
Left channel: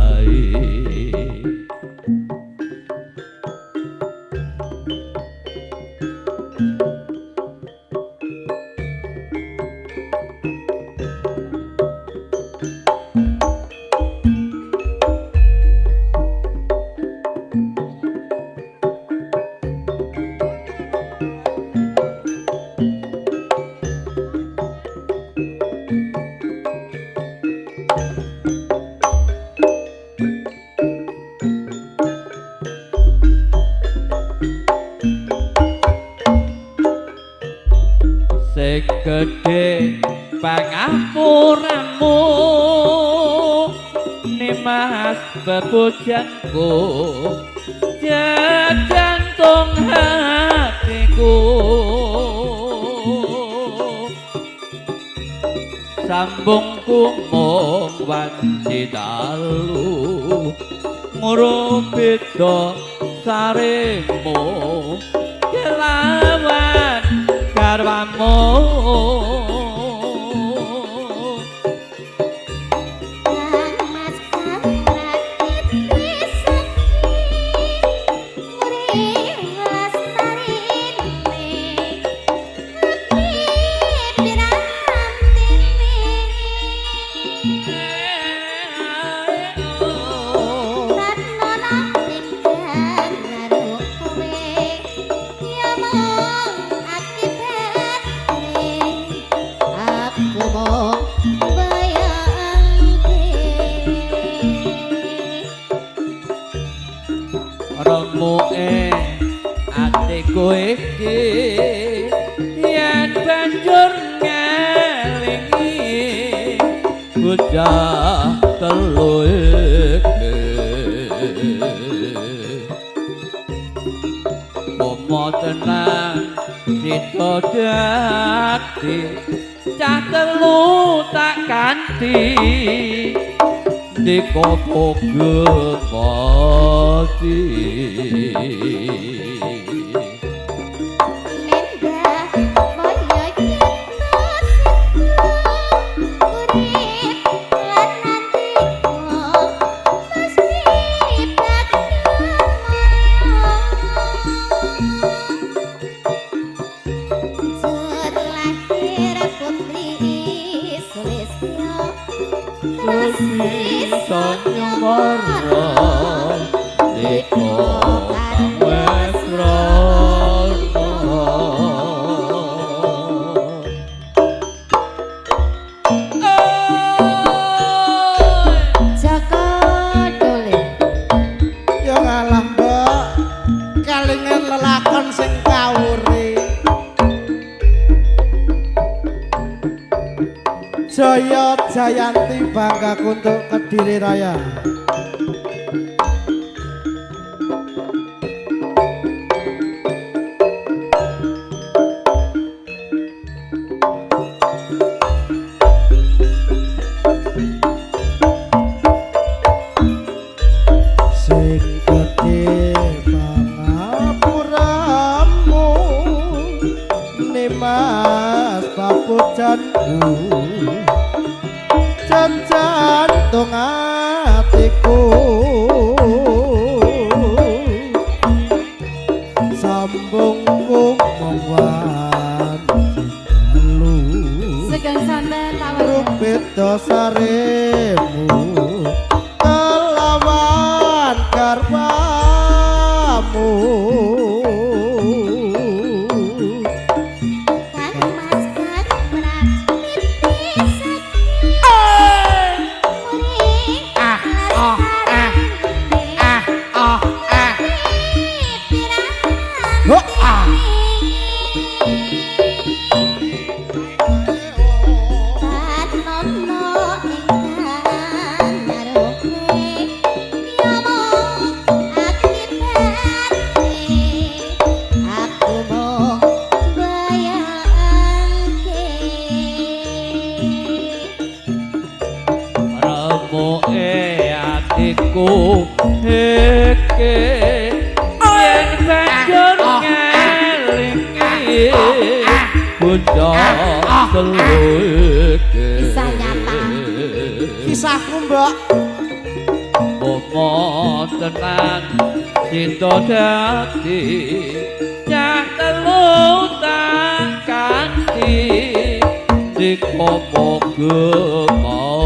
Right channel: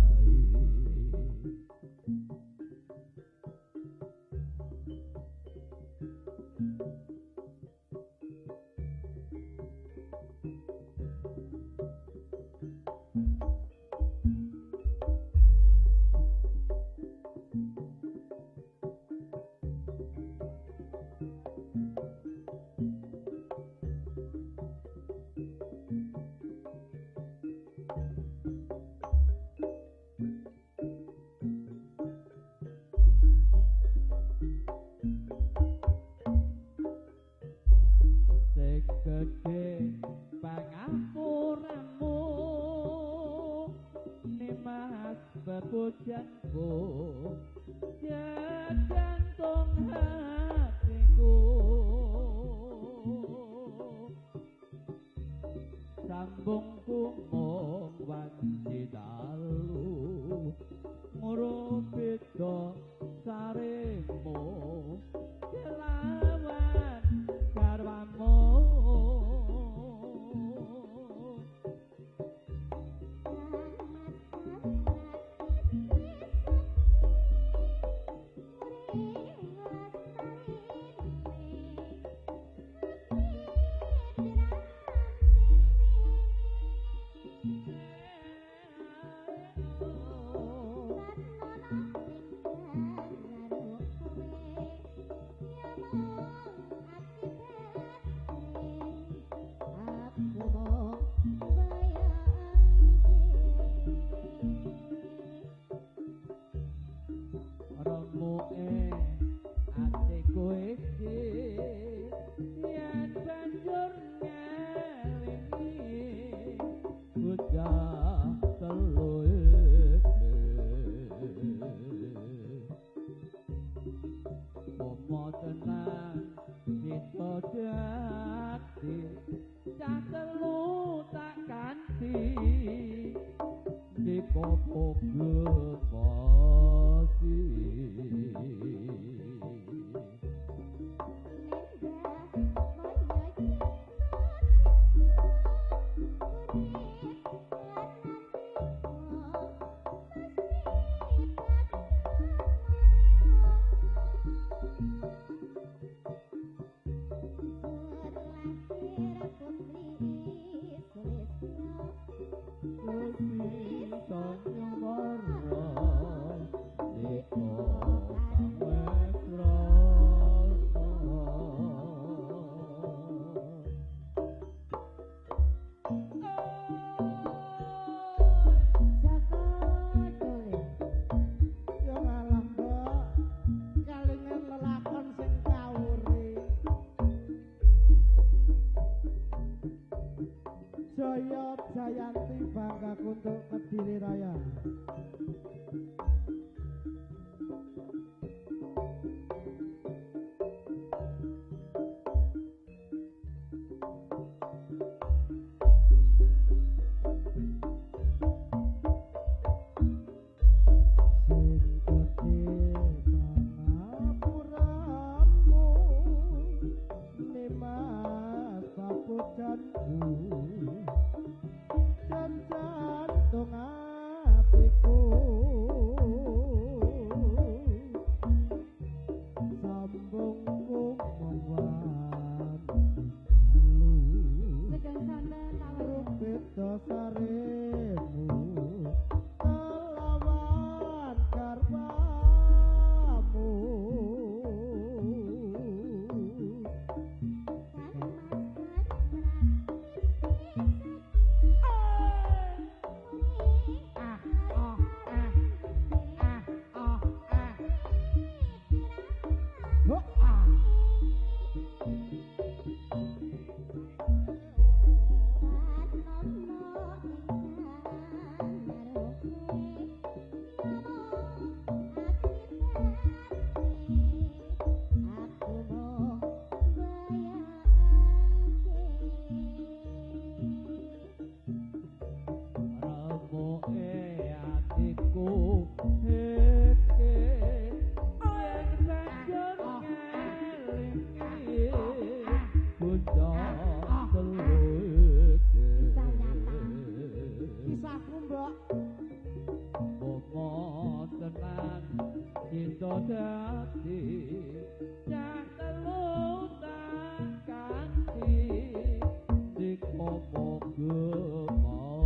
segede pangapuramu nimas bebojanku jantung hatiku sambungku mung wanci dalu ngurupita saremu kelawan karwamu remuke atiku iki yen banjur ngelingi bocah telu iki momo tenang sita dadi cah telu tak ganti dikopok gemati Sonya Marra Diko Kang Wesrono Jaka Dole ya ngalah mbak kalingan lelakon sing kawure Jaya Jayanti bangga untuk Kediri Raya sing gedhe pangapuramu nimas papujanku jantung hatiku Oh, ah. Kisah nyata. Kisahku, Mbak. Bomo tenan cinta dadi yang telu tak kanthi dikopo gemati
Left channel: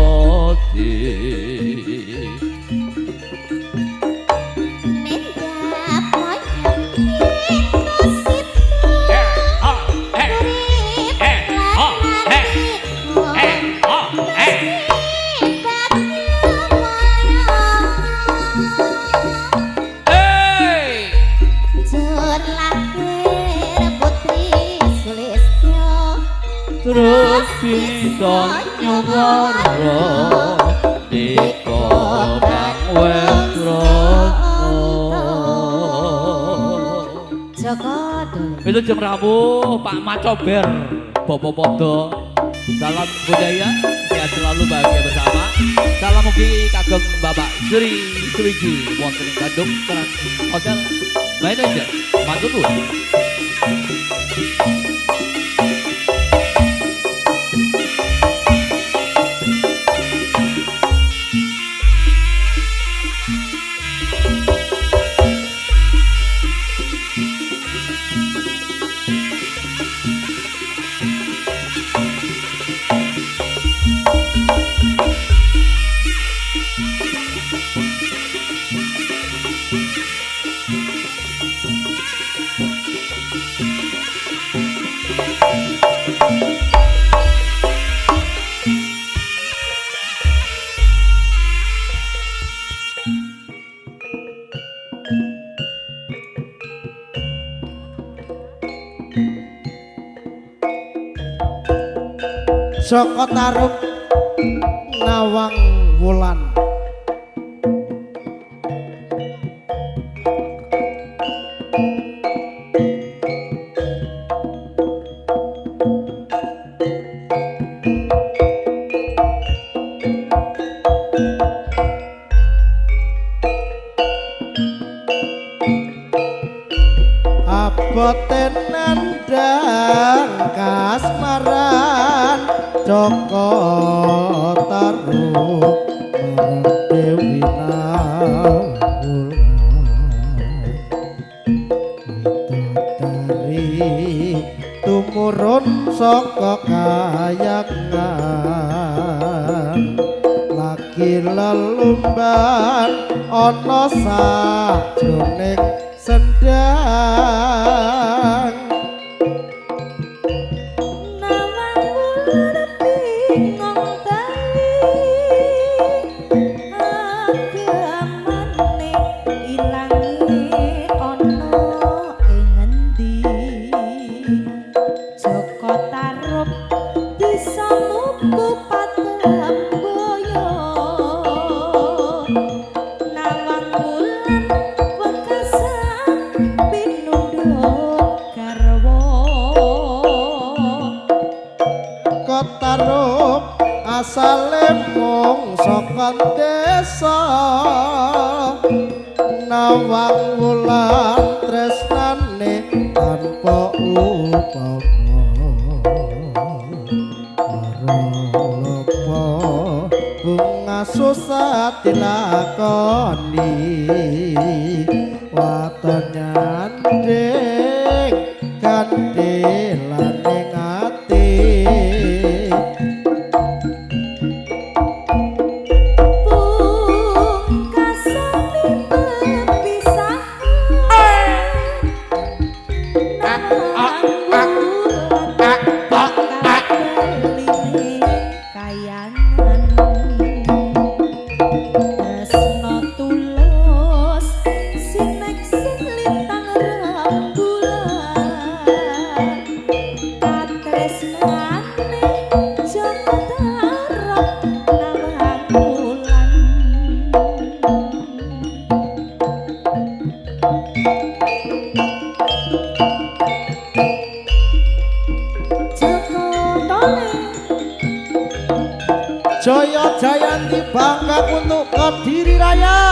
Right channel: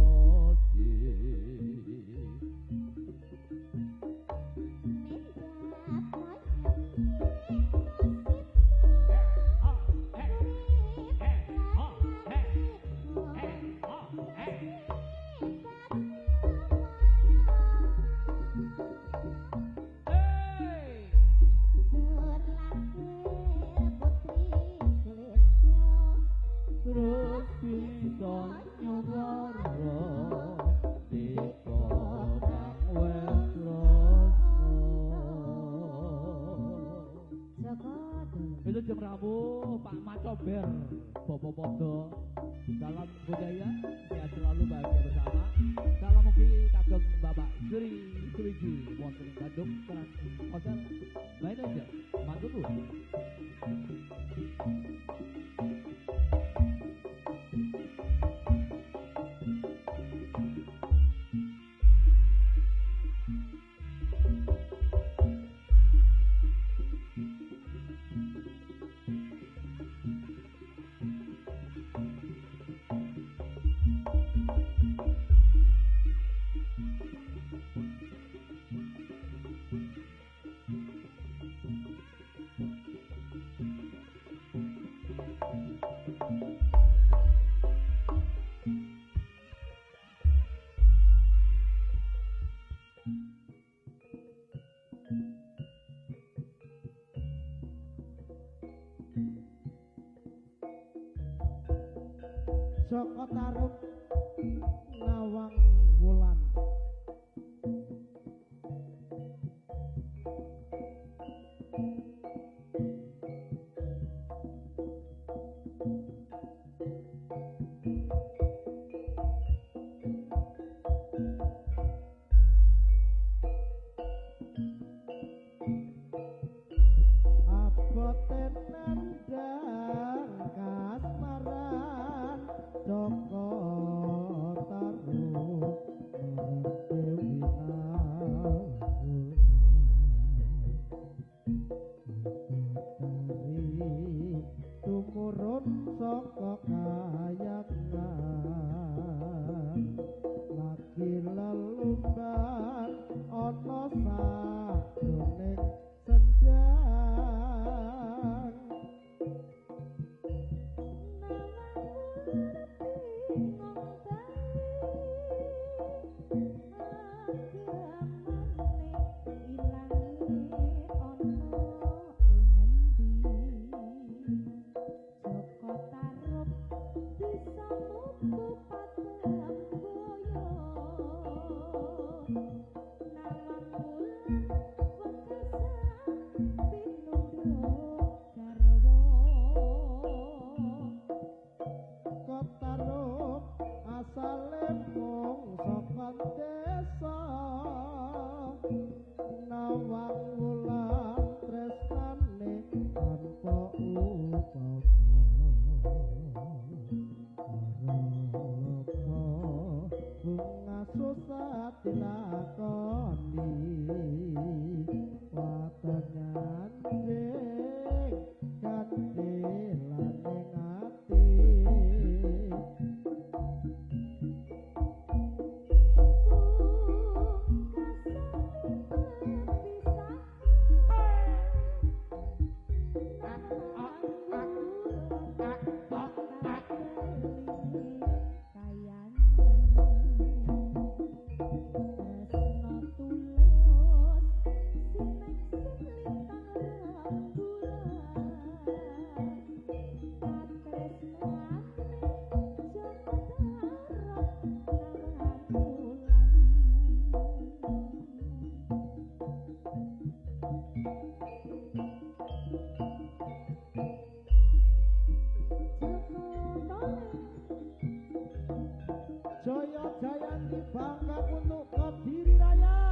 terus bisa nyuwara dika kang wesrana Joko Dole. itu jam Rabu Pak Macober Bobo Podo salam budaya sehat selalu bahagia bersama salam mugi kagem Bapak Sri Suwiji wonten ing Bandung Trans Hotel Manager matur nuwun. Joko Tarub Nawang Wulan. Aboten nandang kasmaran Joko Tarub marang Dewi Nawulan Widodari tumurun saka kayangan lagi lelumban ana sajroning sendang Tarub asale mung saka desa Nawang Wulan tresnane tanpa upama marolopo bunga susah dilakoni waton nyanding kandelane ngati Tresno tulus sinek Jaya Jayanti bangga untuk Kediri Raya.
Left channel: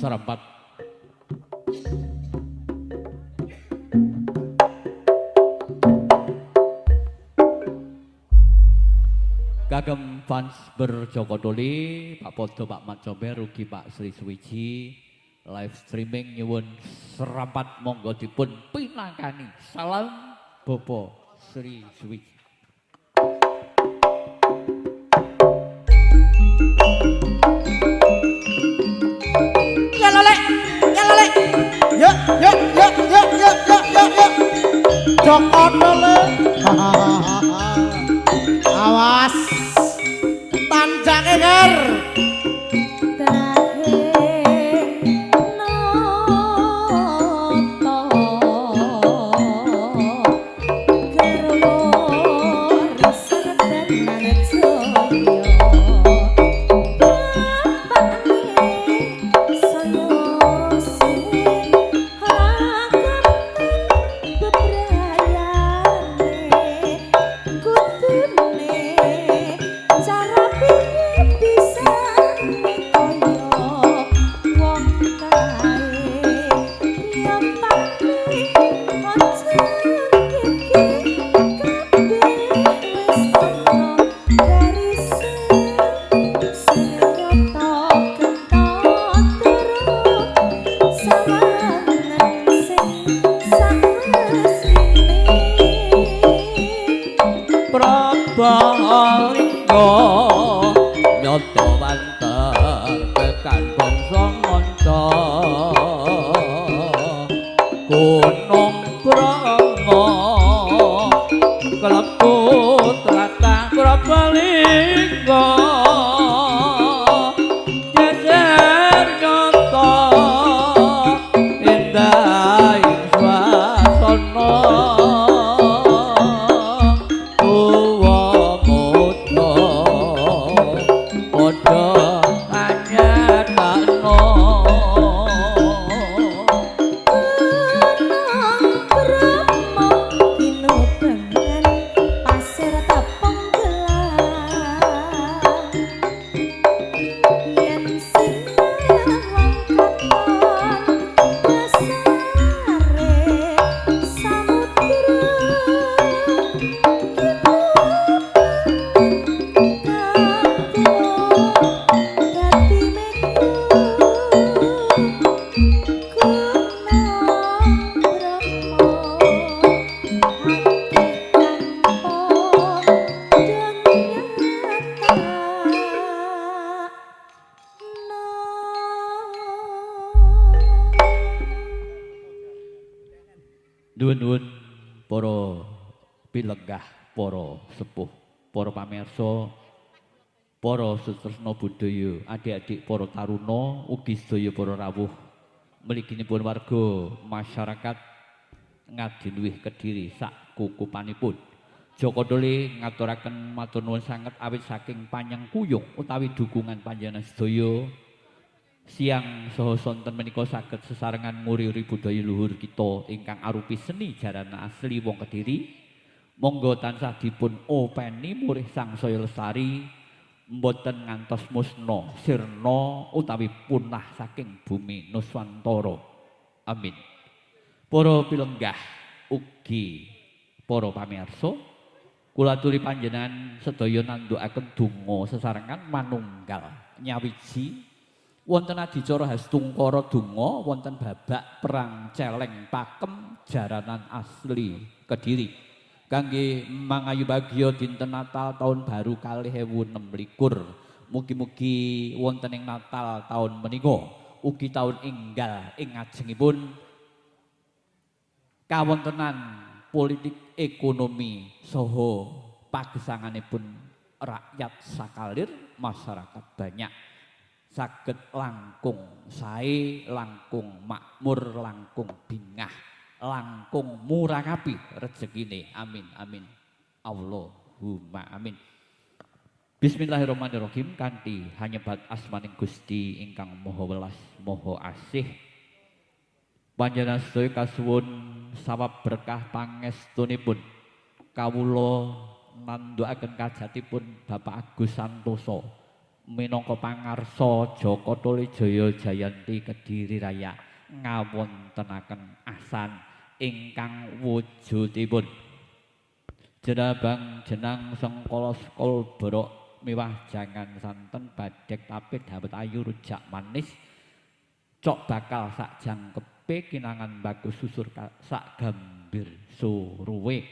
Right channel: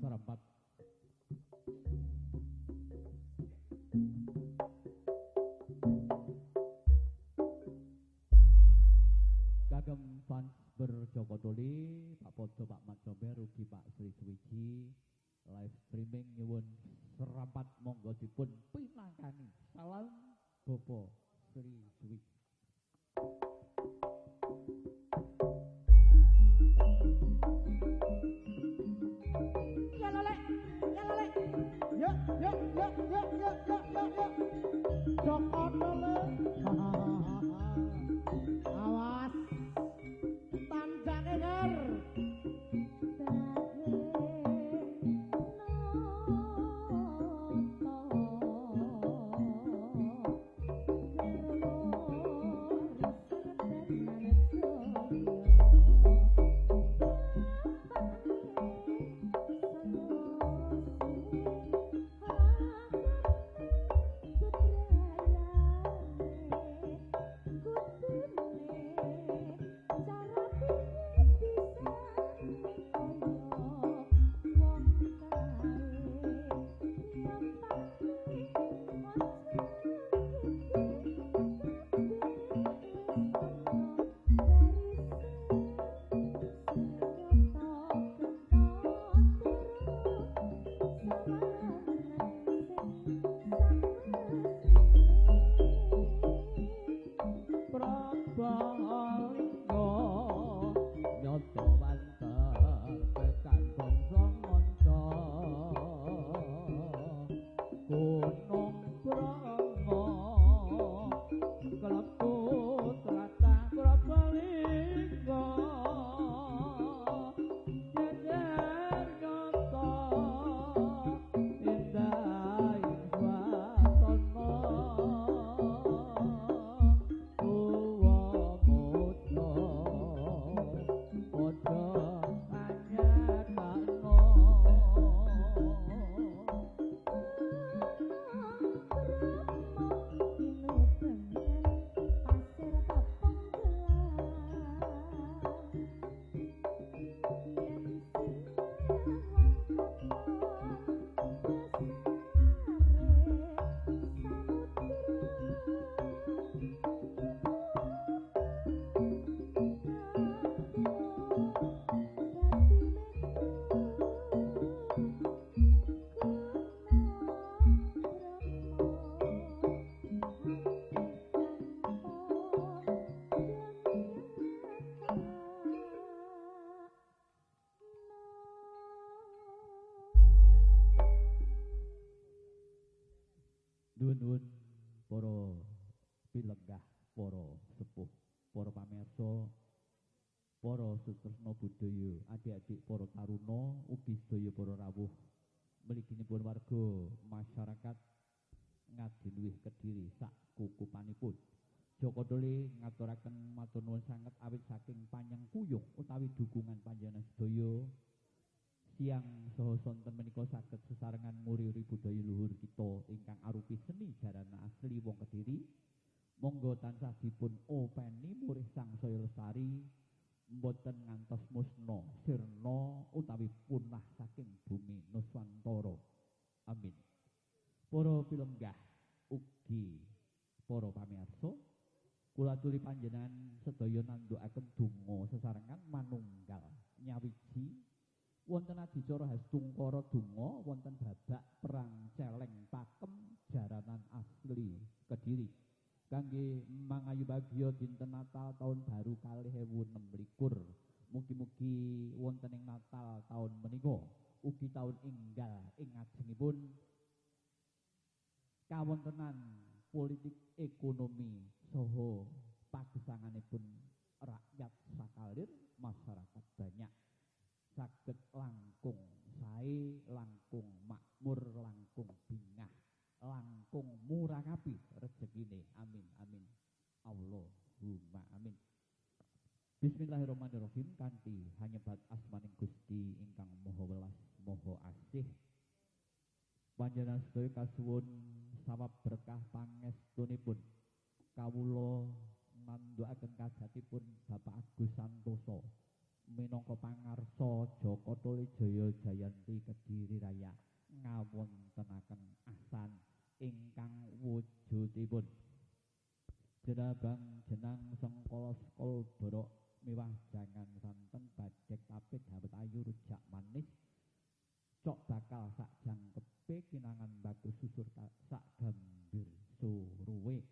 Serempat kagem fans berjokodoli Pak Podo, Pak Mat Comber, rugi Pak Sri Suwiji live streaming nyuwun serempat monggo dipun pinangkani. Salam Bopo Sri Suwiji. Jokotole awas tanjake ger Nuwun-nuwun para pilenggah, para sepuh, para pamirsa, para sutresna budaya, adik-adik para taruna, ugi sedaya para rawuh mliginipun warga masyarakat Ngadiluwih Kediri sak kukupanipun. Joko Dole ngaturaken matur nuwun sanget awit saking panyengkuyung utawi dukungan panjenengan sedaya siang saha sonten menika saged sesarengan nguri-uri budaya luhur kita ingkang arupi seni jarana asli wong Kediri. Monggo tansah dipun openi murih sangsaya lestari mboten ngantos musna sirna utawi punah saking bumi Nuswantara. Amin. Para pilenggah ugi para pamirsa, kula aturi panjenengan sedaya nandukaken donga sesarengan manunggal nyawiji wonten adicara Hastungkara donga wonten babak perang celeng pakem jaranan asli Kediri kangge mangayu bagya dinten Natal tahun baru 2026. Mugi-mugi wonten ing Natal tahun menika ugi tahun enggal ing ngajengipun kawontenan politik ekonomi saha pagesanganipun rakyat sakalir masyarakat banyak saged langkung sae, langkung makmur, langkung bingah, langkung murakapi rezekine. Amin amin. Allahumma amin. Bismillahirrahmanirrahim. Kanthi hanyebat asmaning Gusti ingkang Maha Welas Maha Asih, panjenengan sedaya kasuwun sawab berkah pangestunipun kawula nandukaken kajatipun Bapak Agus Santoso minangka pangarsa Joko Tole Jaya Jayanti Kediri Raya ngawontenaken asan ingkang wujudipun jenabang jenang sengkala skol borok miwah jangan santen badhek tapit dawet ayu rujak manis cok bakal sak jangkepe kinangan bagus susur sak gambir suruwe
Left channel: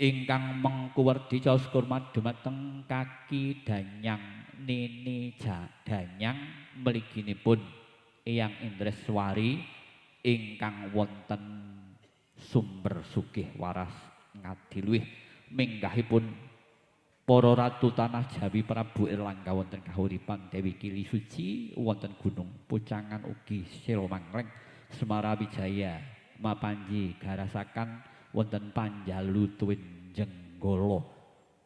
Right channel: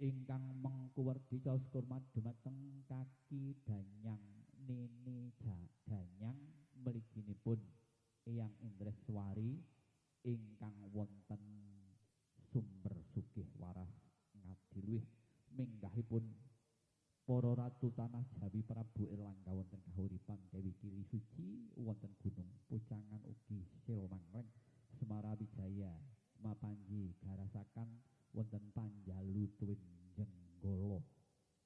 ingkang mengkuwerdi caos kurmat dumateng kaki danyang nini danyang mliginipun Eyang Indreswari ingkang wonten sumber sugih waras Ngadiluwih minggahipun para ratu tanah Jawi Prabu Erlangga wonten kahuripan Dewi Kili Suci wonten Gunung Pucangan ugi Silmangleng Semarawijaya mapanji garasakan wonten Panjalu Tuwin Jenggala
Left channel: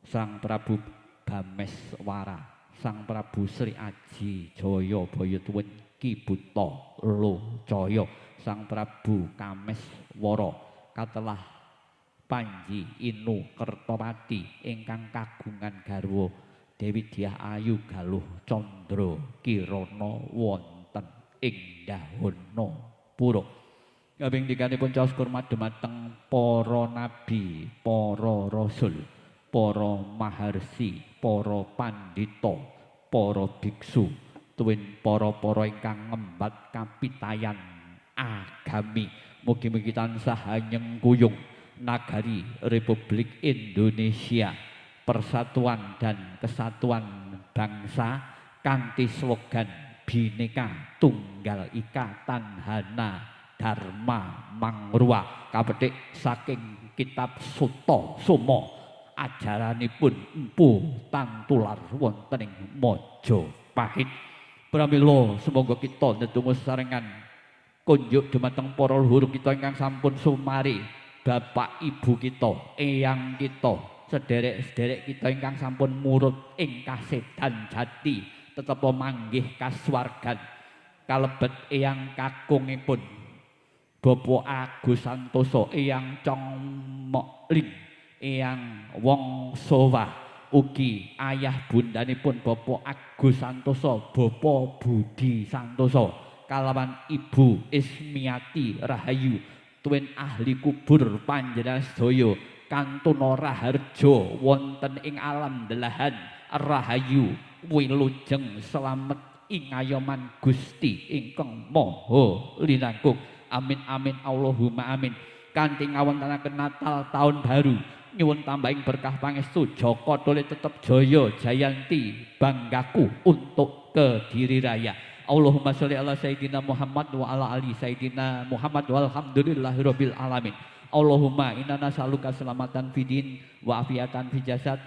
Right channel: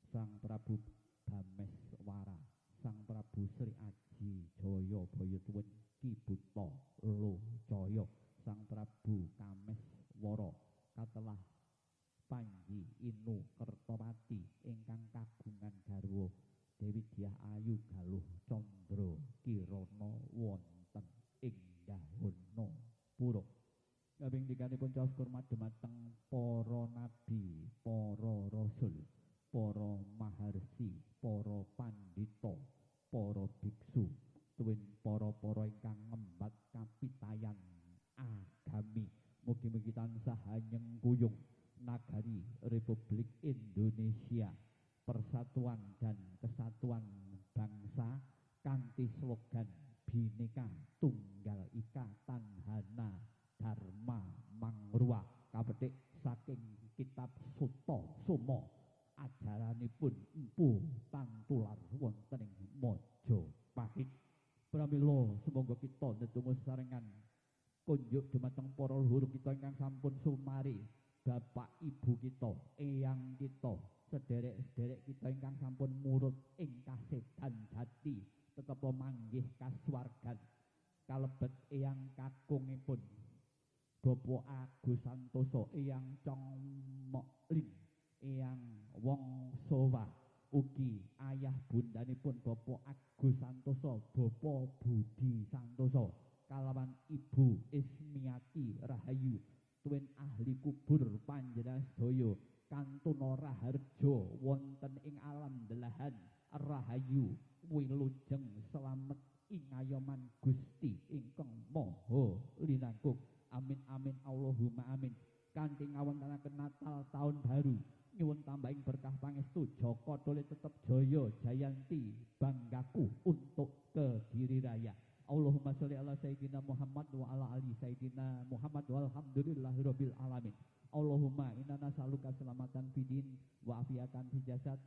Sang Prabu Bameswara Sang Prabu Sri Aji Jaya Bayatuwin Ki Buta Locaya Sang Prabu Kameswara katelah Panji Inu Kertopati ingkang kagungan garwa Dewi Dyah Ayu Galuh Candra Kirana wonten ing Dahana Pura. Kaping tiganipun caos kurmat dumateng para nabi, para rasul, para maharsi, para pandita, para biksu, tuwin para-para ingkang ngembat kapitayan agami. Mugi-mugi tansah nyengkuyung Nagari Republik Indonesia Persatuan dan Kesatuan Bangsa kanthi slogan Bhinneka Tunggal Ika Tanhana Dharma Mangrua kapetik saking kitab Sutta Soma ajaranipun Empu Tantular wonten ing Majapahit. Pramila semoga kita ndedonga sesarengan kunjuk dumateng para luhur kita ingkang sampun sumari Bapak Ibu kita, eyang kita, sederek-sederek kita ingkang sampun murut ing kasedan jati, tetep manggih kasuwargan. Kalebet eyang kakungipun Bapak Agus Santoso, eyang Cong Mokling, eyang Wong Sowa, ugi ayah bundanipun Bapak Agus Santoso, Bapak Budi Santoso, kalawan Ibu Ismiati Rahayu. Tuwin ahli kubur panjenengan sedaya kantuna raharja wonten ing alam delahan rahayu wilujeng slamet ing ayoman Gusti ingkang Maha Linangkung. Amin amin Allahumma amin. Kanthi ngawontenaken Natal tahun baru nyuwun tambahing berkah pangestu Joko Tole tetep jaya jayanti banggaku untuk Kediri Raya. Allahumma sholli ala sayyidina Muhammad wa ala ali sayyidina Muhammad walhamdulillahirabbil alamin. Allahumma inna nas'aluka selamatan fidin wa afiatan fi jasad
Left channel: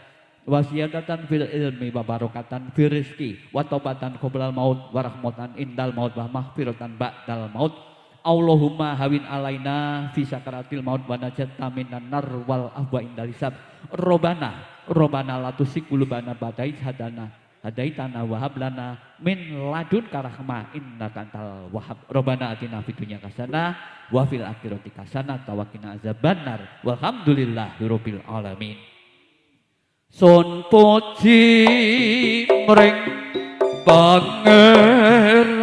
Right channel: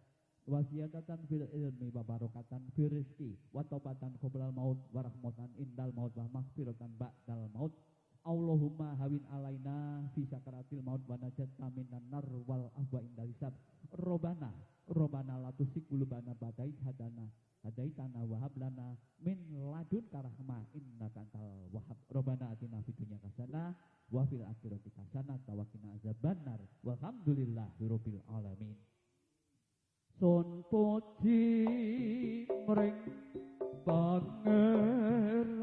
wa ziyadatan fil ilmi wa barakatan fil rizqi wa taubatan qoblal maut wa rahmatan indal maut wa mahfiratan ba'dal maut. Allahumma hawin alaina fi sakaratil maut wa najatna minan nar wal afwa indal hisab. Robbana la tusik qulubana ba'da idh hadaitana wa hab lana min ladunka rahmah innaka antal wahhab. Robbana atina fid dunya hasanah wa fil akhirati hasanah wa qina azabannar. Walhamdulillahirabbil alamin. Sun puji mring pangeran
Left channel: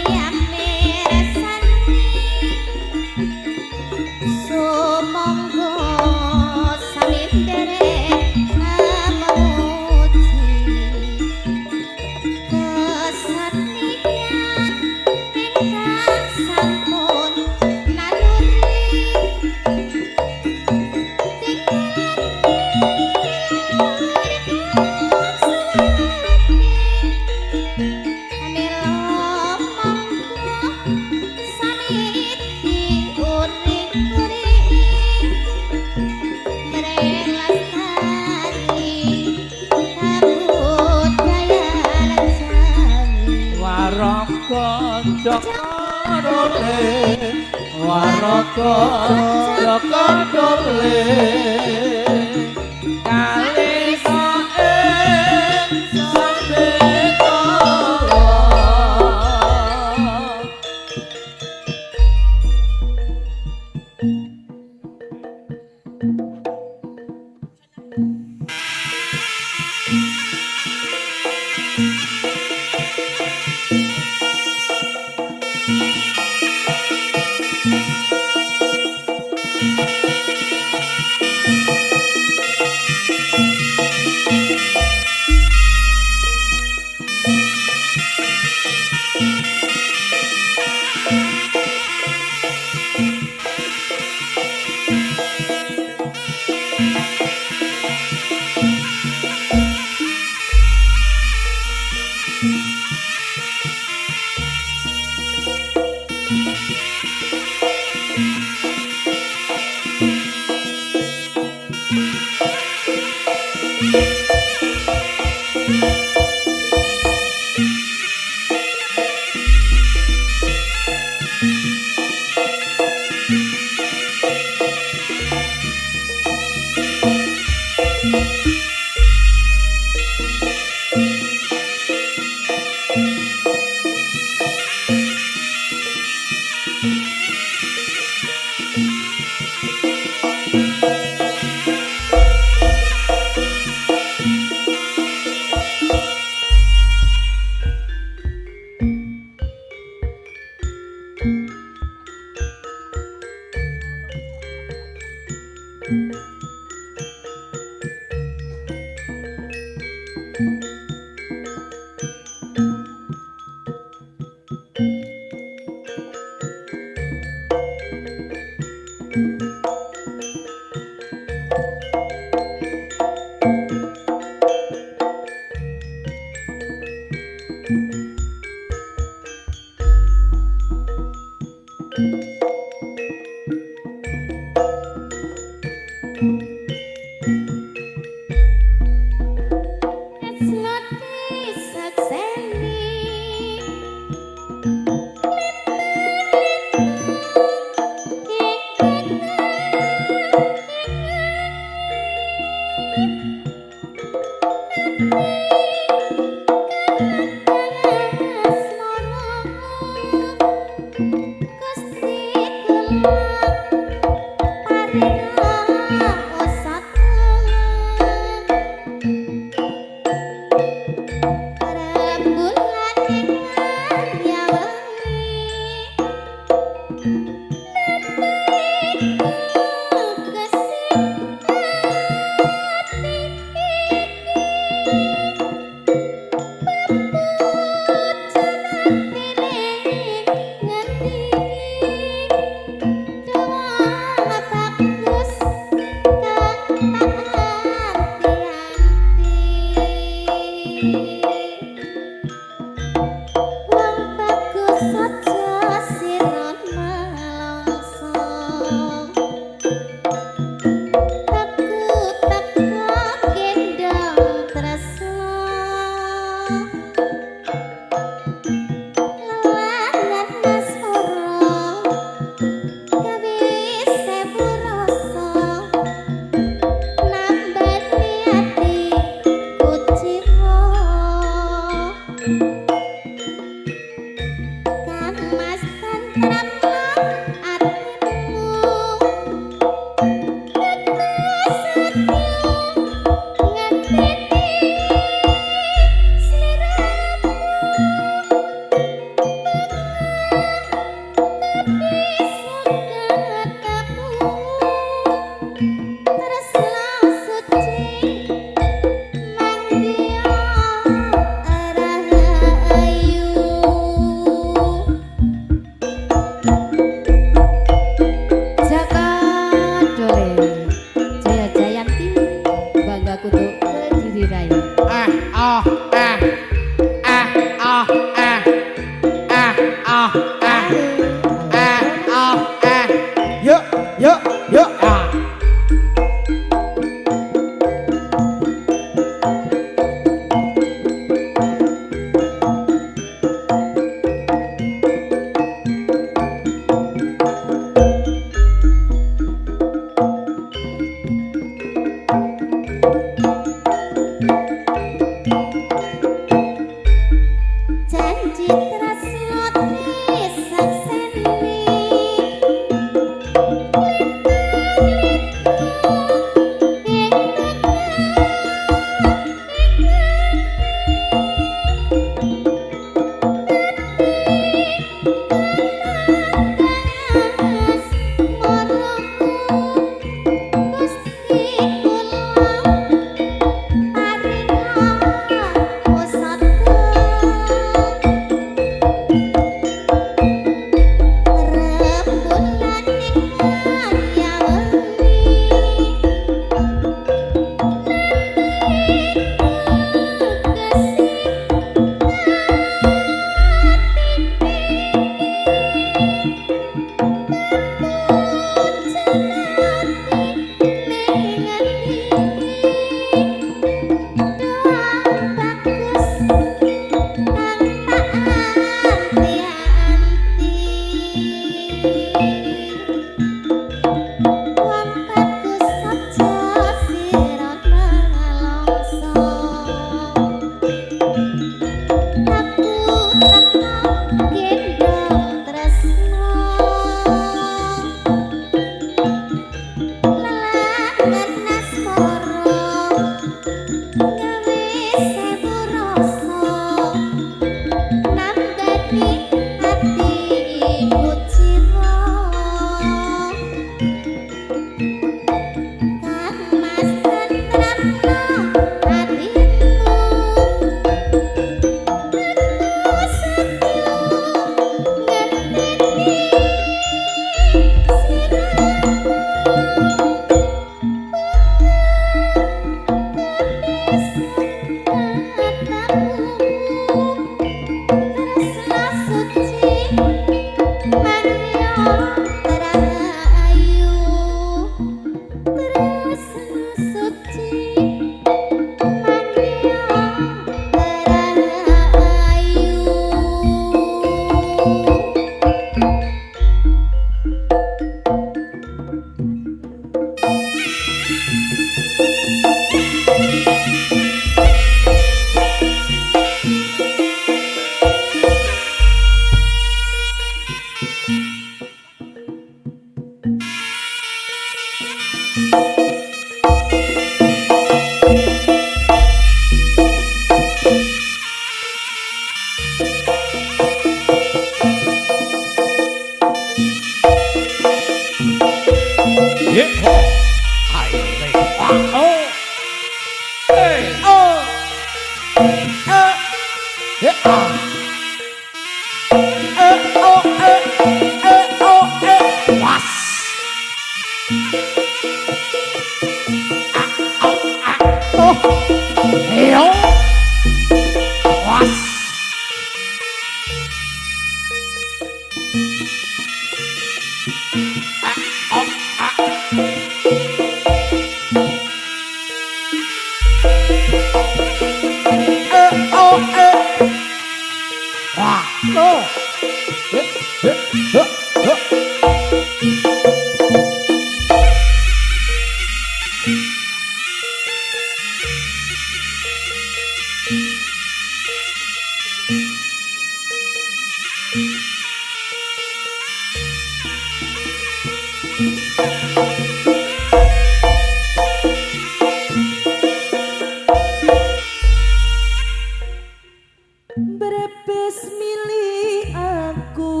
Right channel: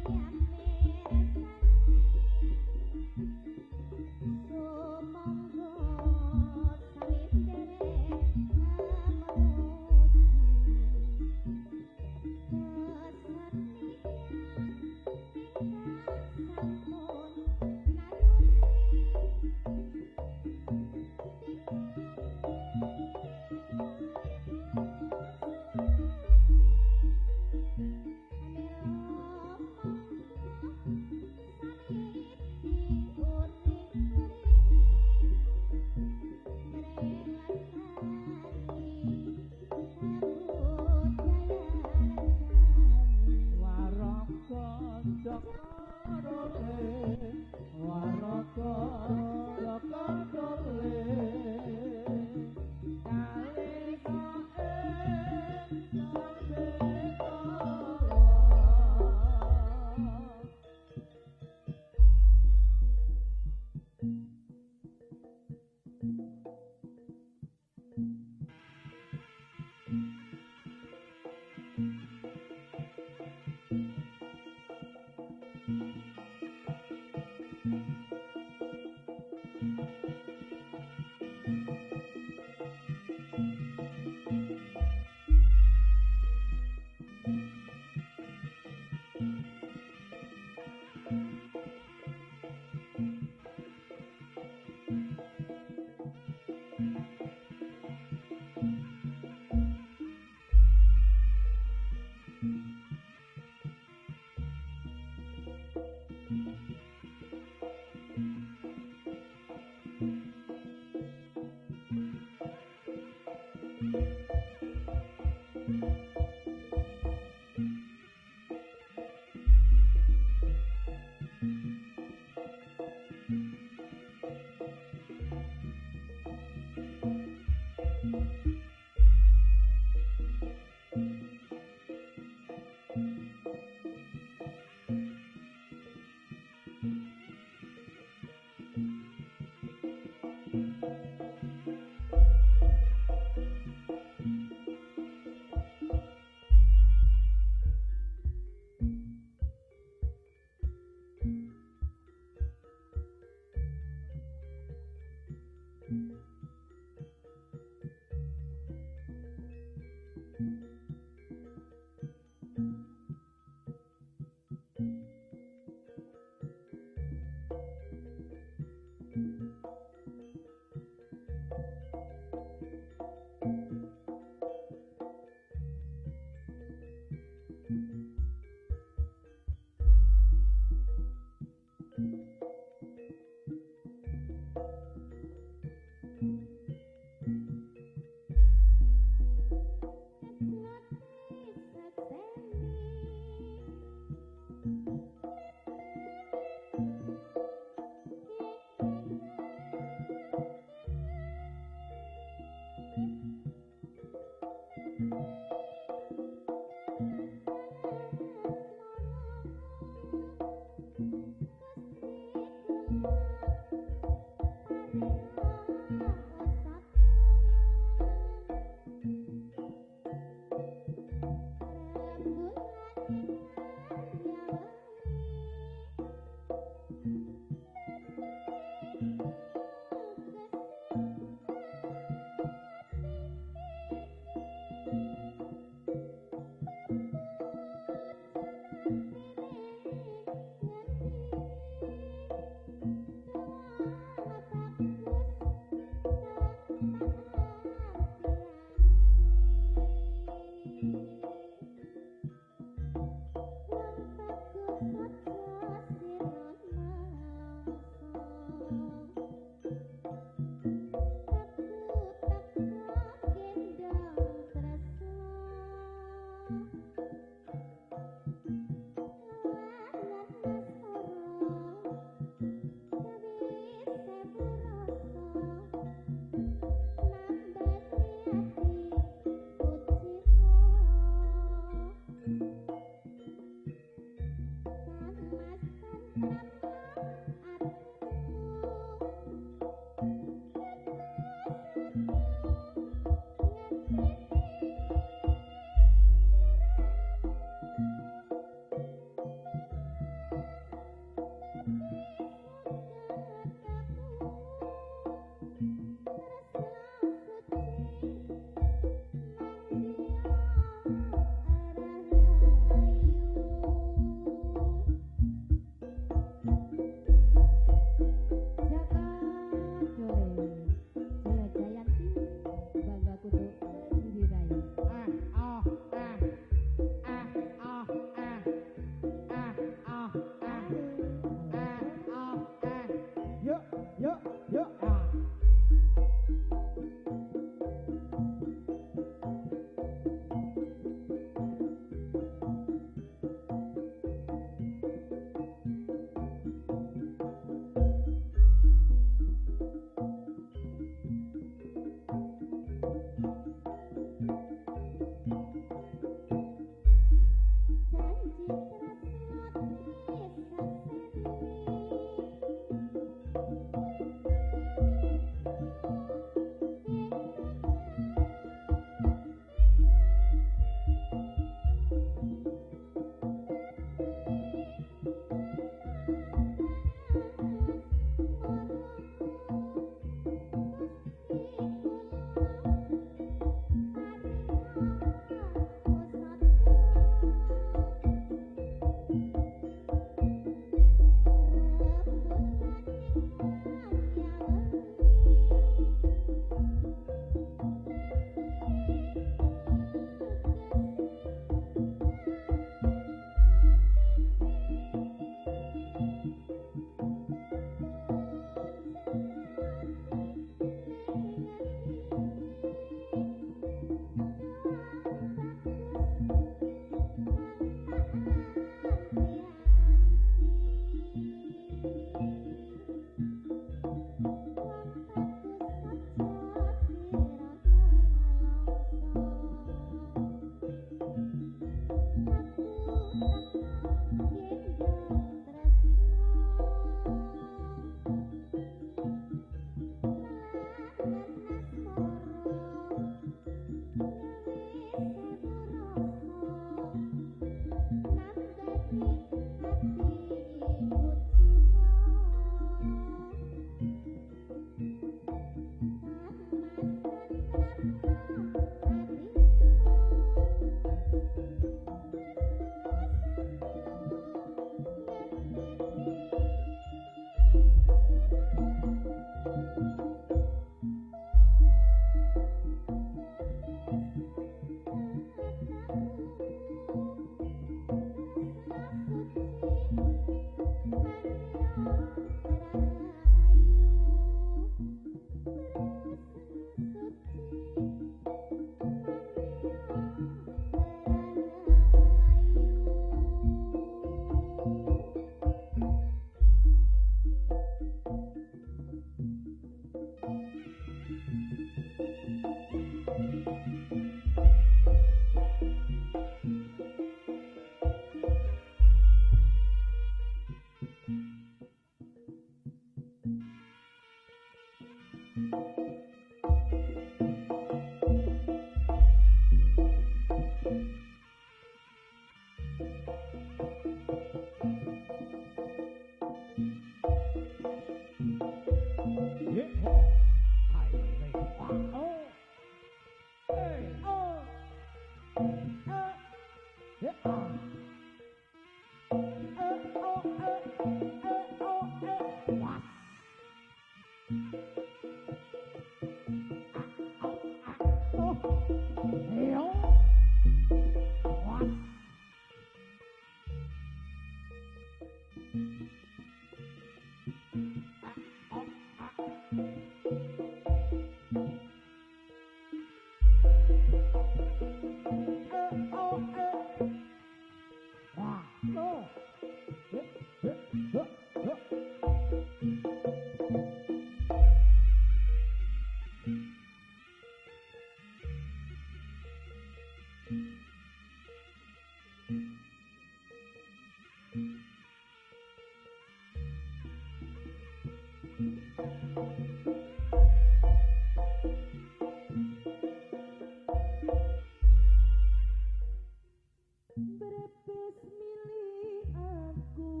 Brebes milih aku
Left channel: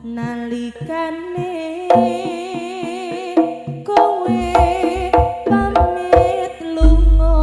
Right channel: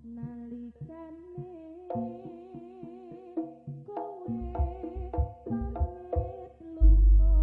nalikane kowe pamit lunga.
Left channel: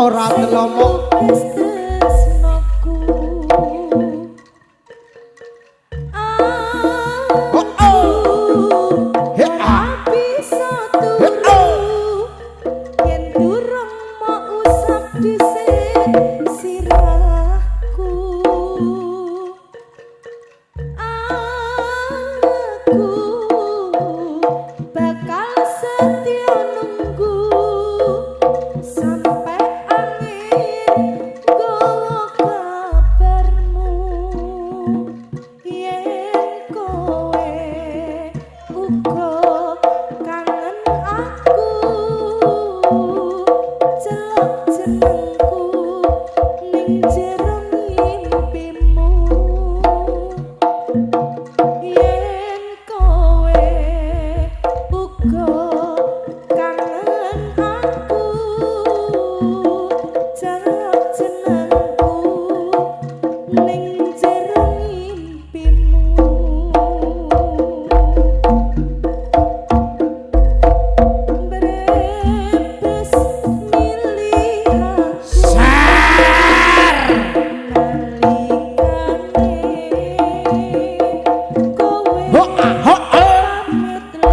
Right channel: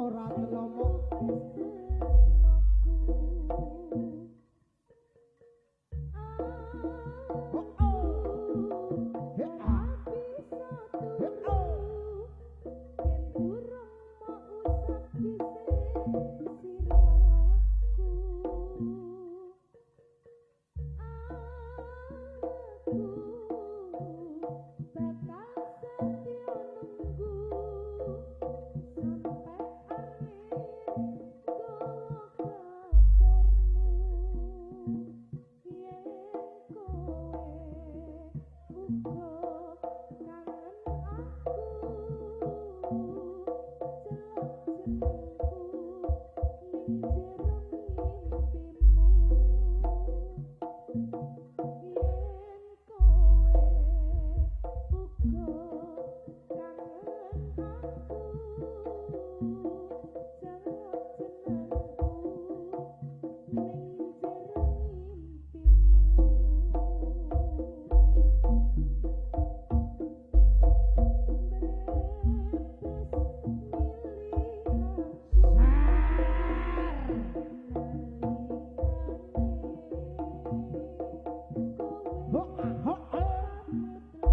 Ora telomo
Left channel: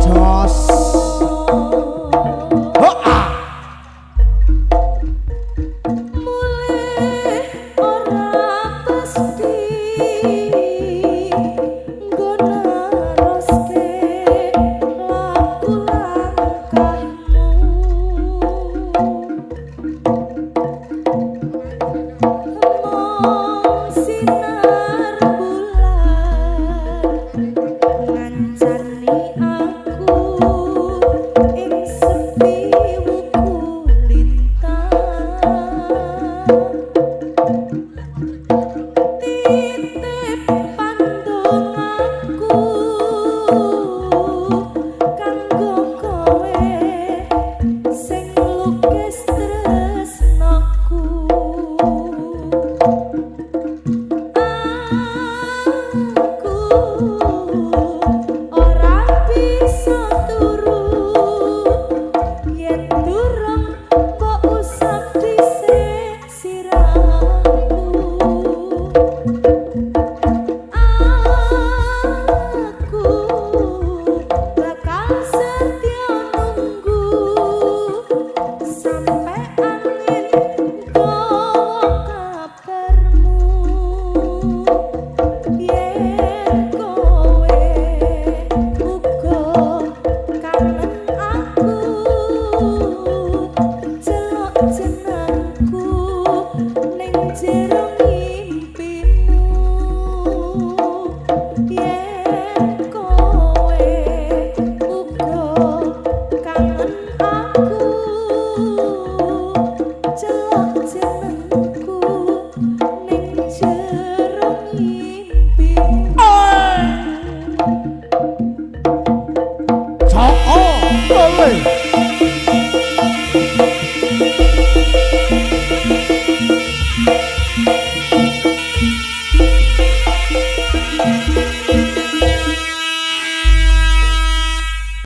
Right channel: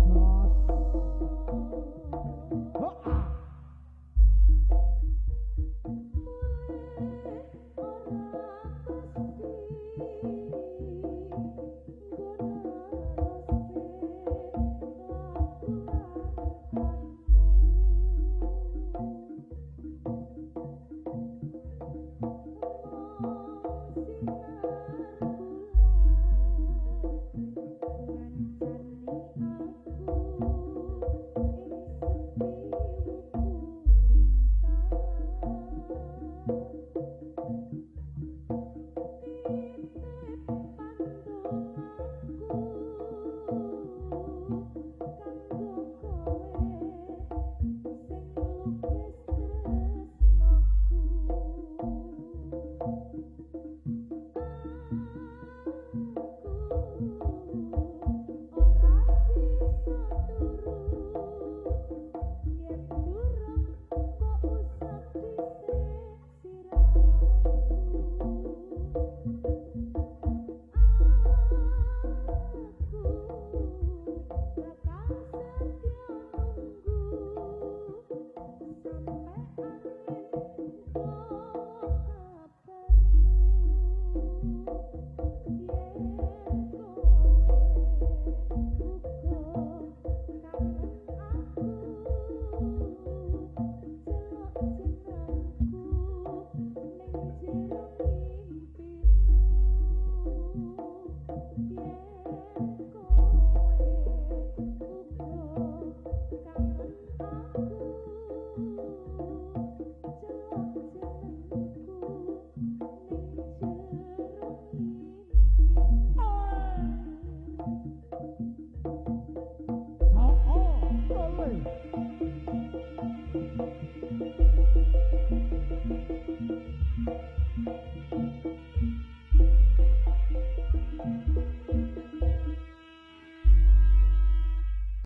Jos